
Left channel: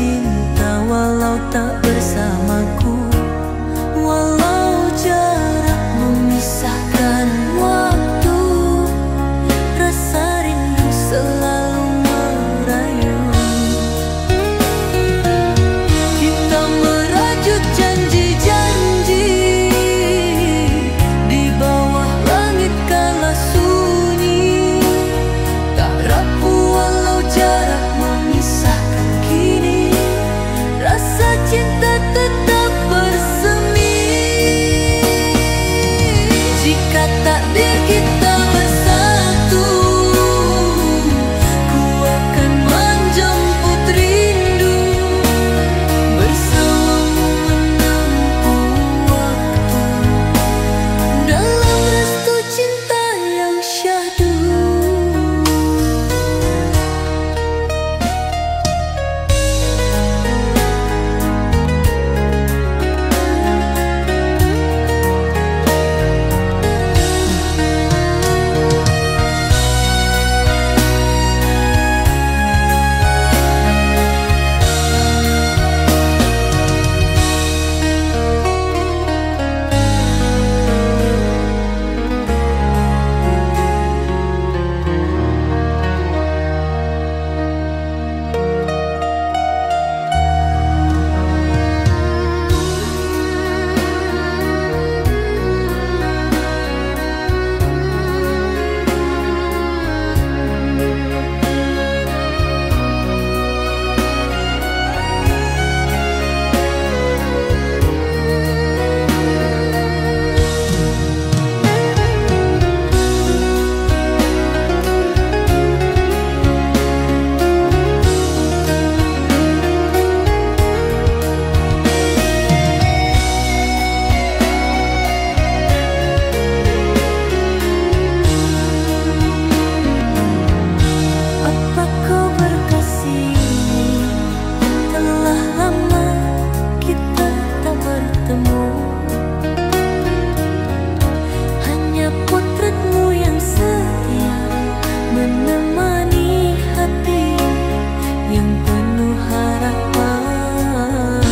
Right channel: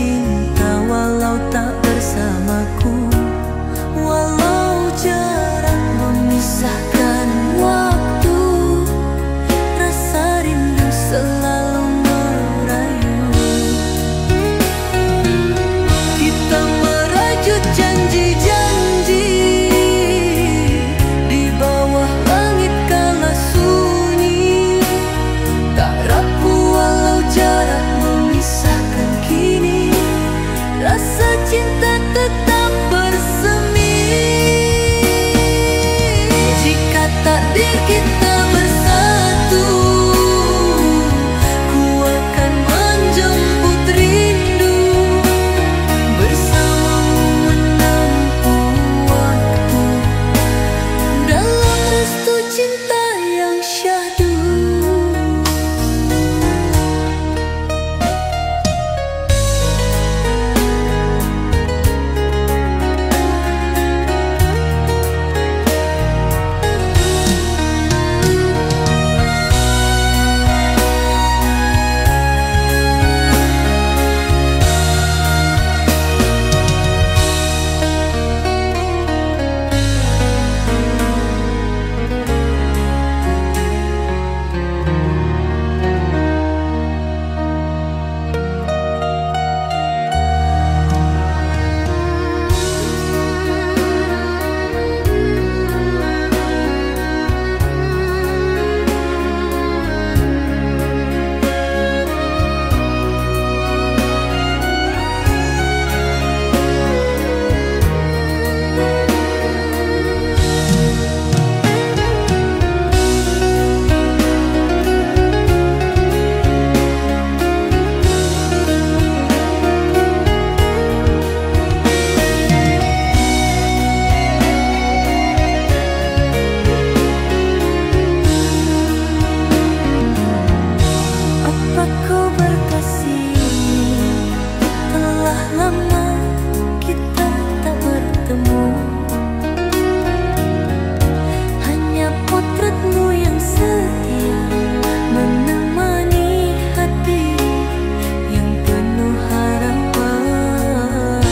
cinta walau tak bersamaku, walau jarak memisahkan waktu, rasa rindu selalu merayu. Kita merajut janji-janji di bawah langit kala sunyi, tak rapuh walau jarak memisahkan kini, rasa cinta tetap bersemi. Jika takdir kita bersatu, ku akan menjemput rindu, bersamamu menempuh waktu, dalam restu cinta yang syahdu. Telah lama kita tak bertemu, hanya potretmu yang setia menemani hati yang penuh harapan.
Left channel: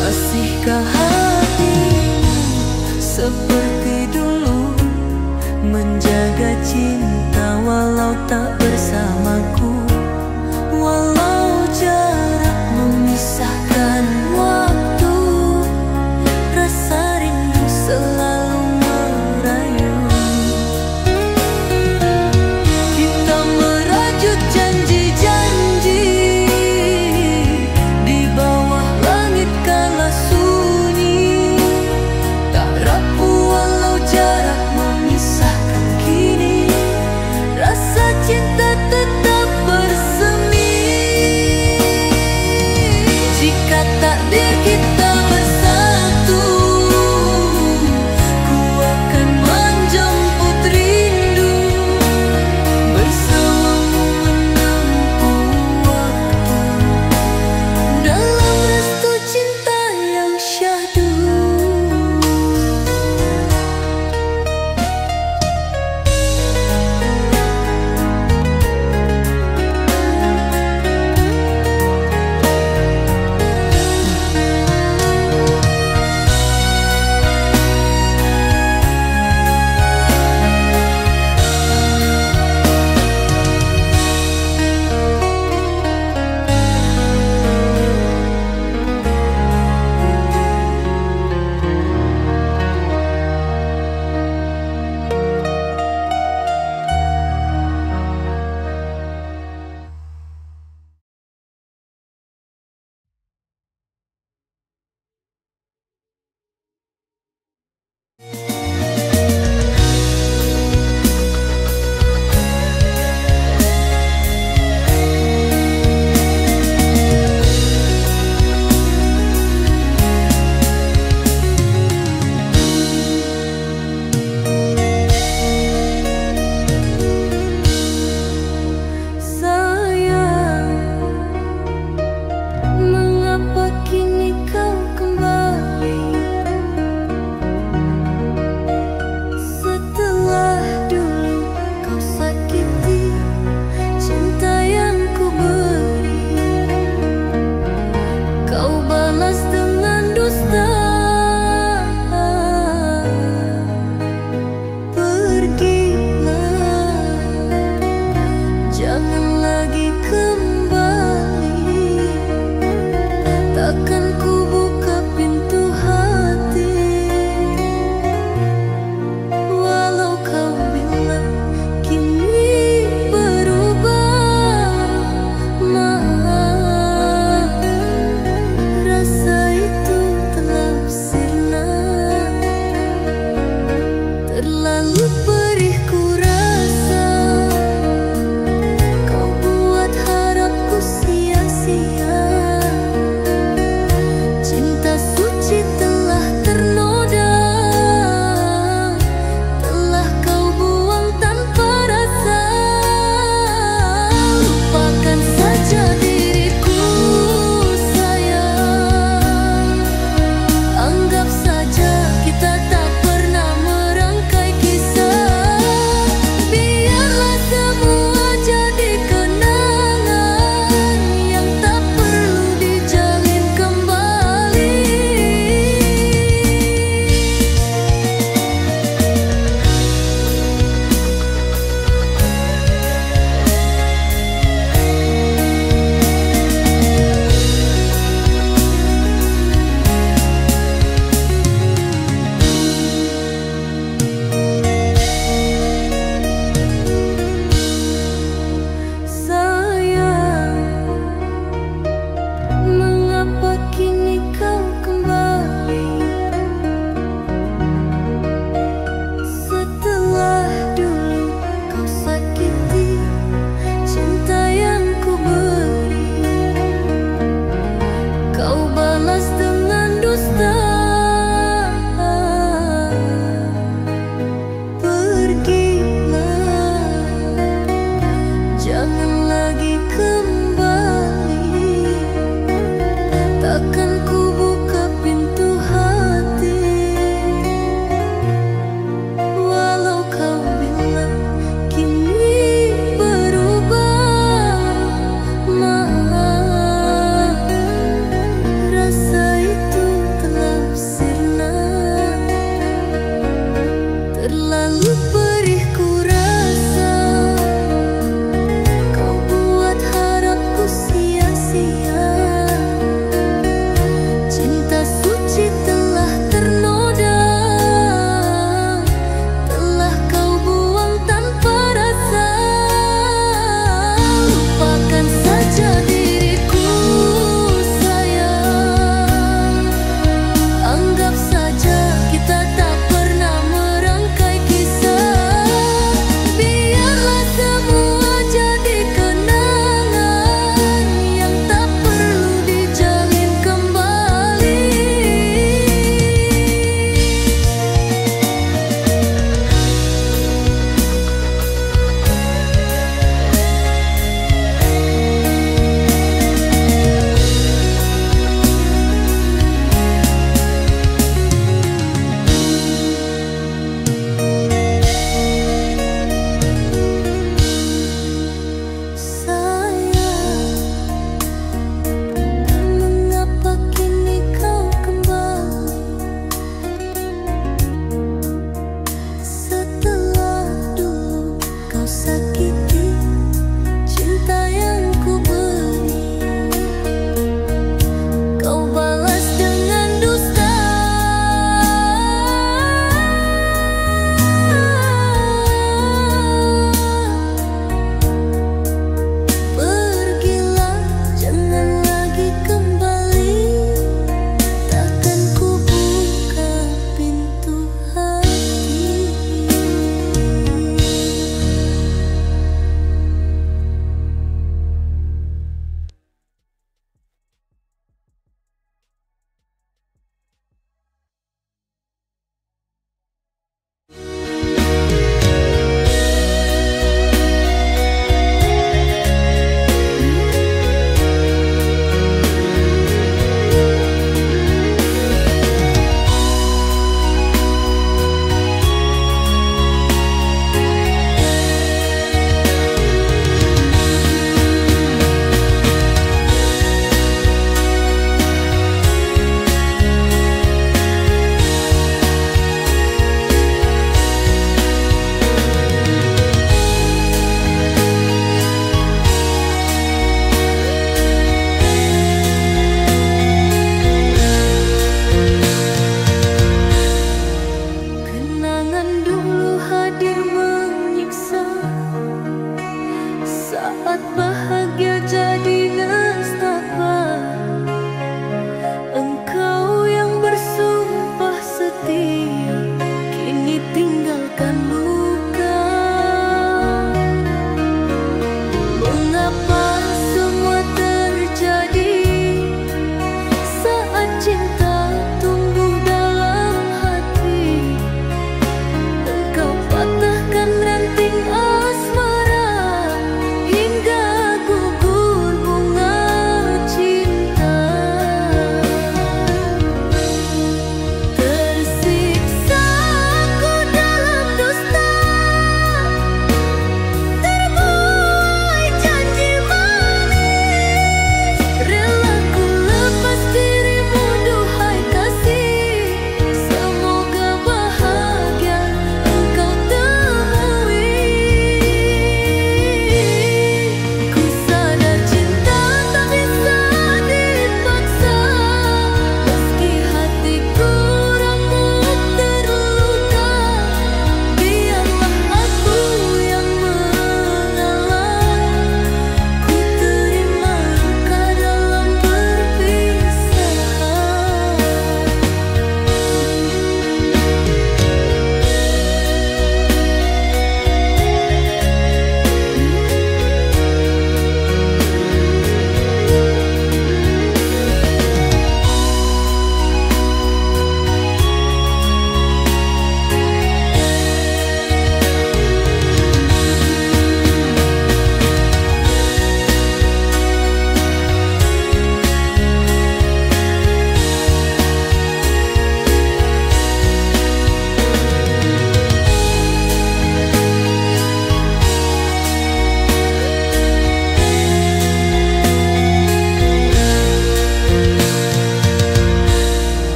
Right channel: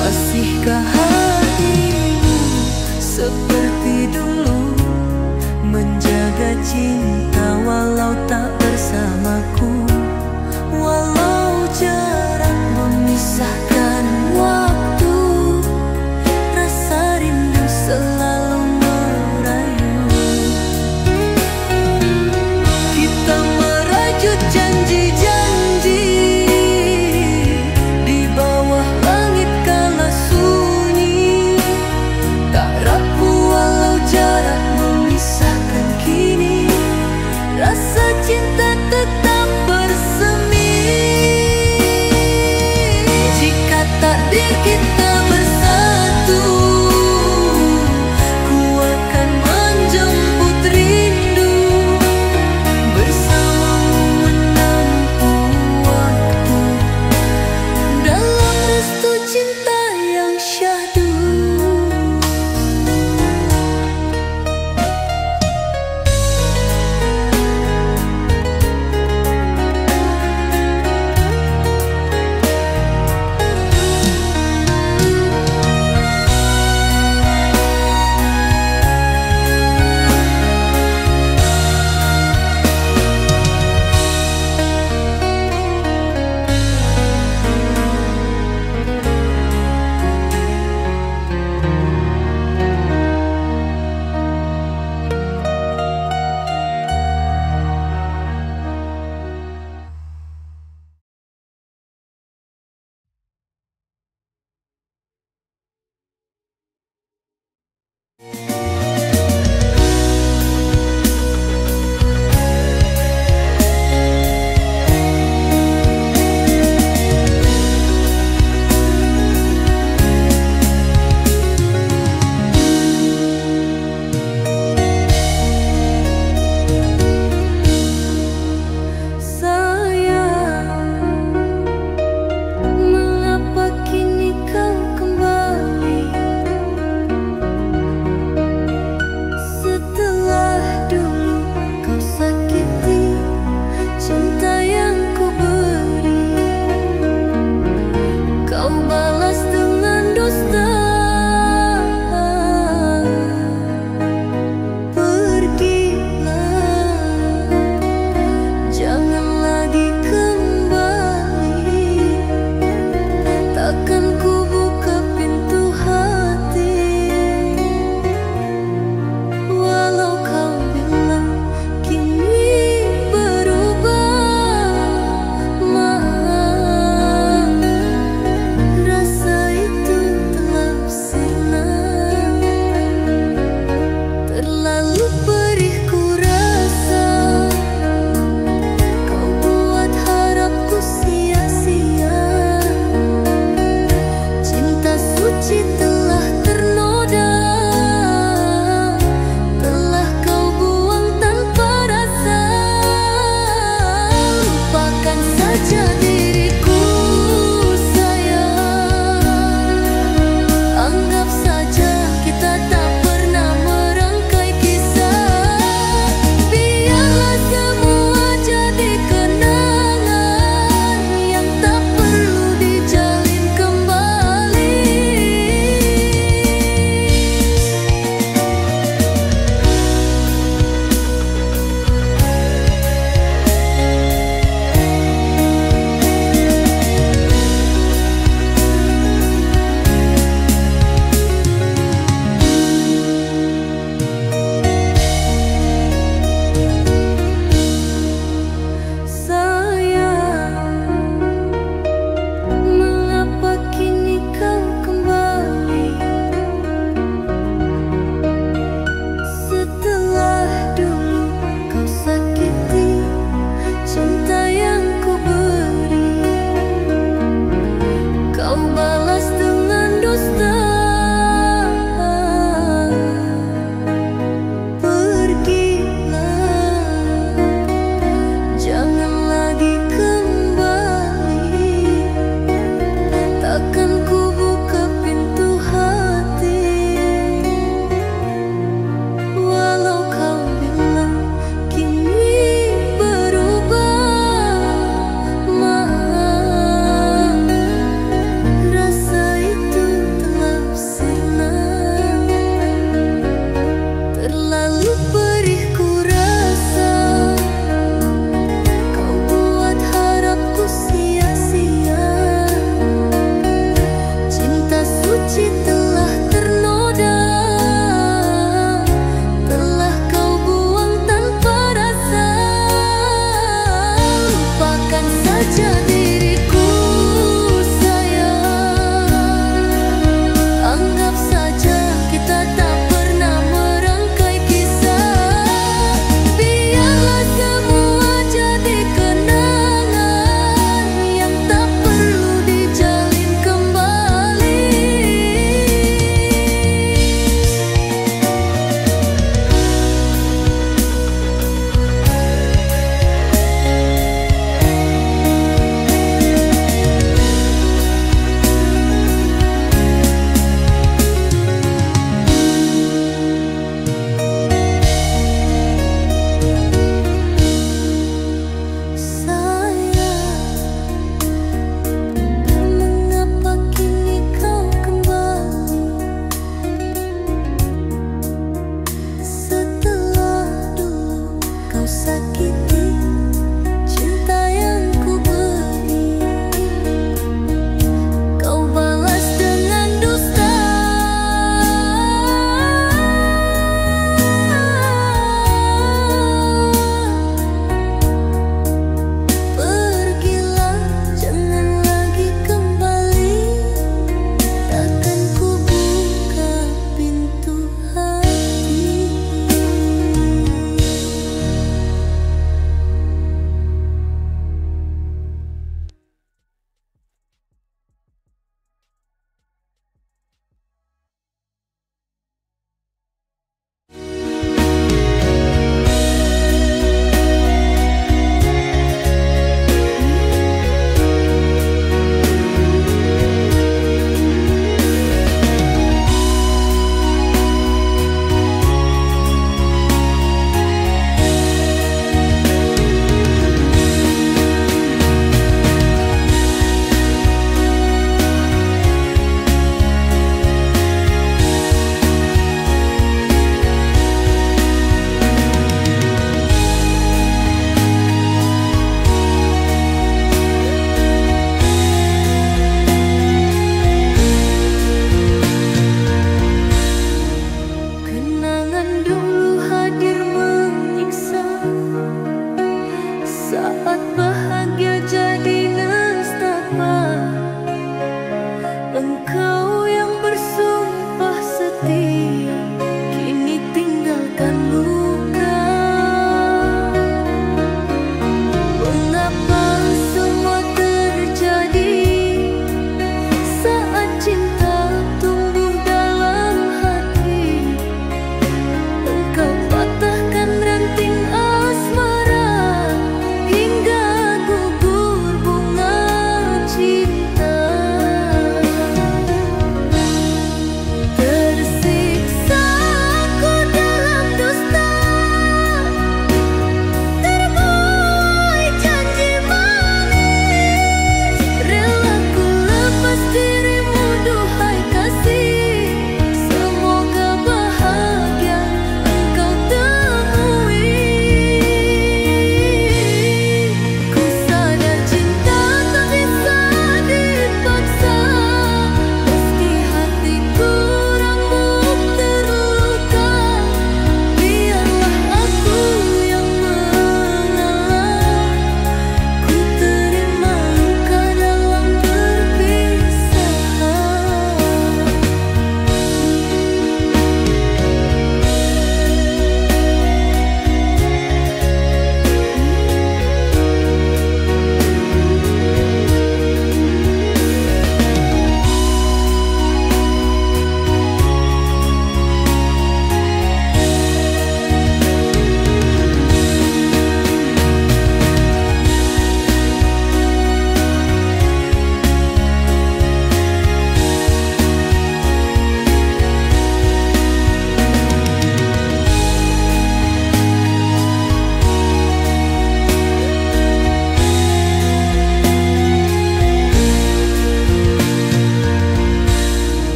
Masihkah hatimu seperti dulu, menjaga cinta walau tak bersamaku, walau jarak memisahkan waktu, rasa rindu selalu merayu. Kita merajut janji-janji di bawah langit kala sunyi, tak rapuh walau jarak memisahkan kini, rasa cinta tetap bersemi.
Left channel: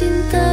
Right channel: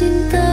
cinta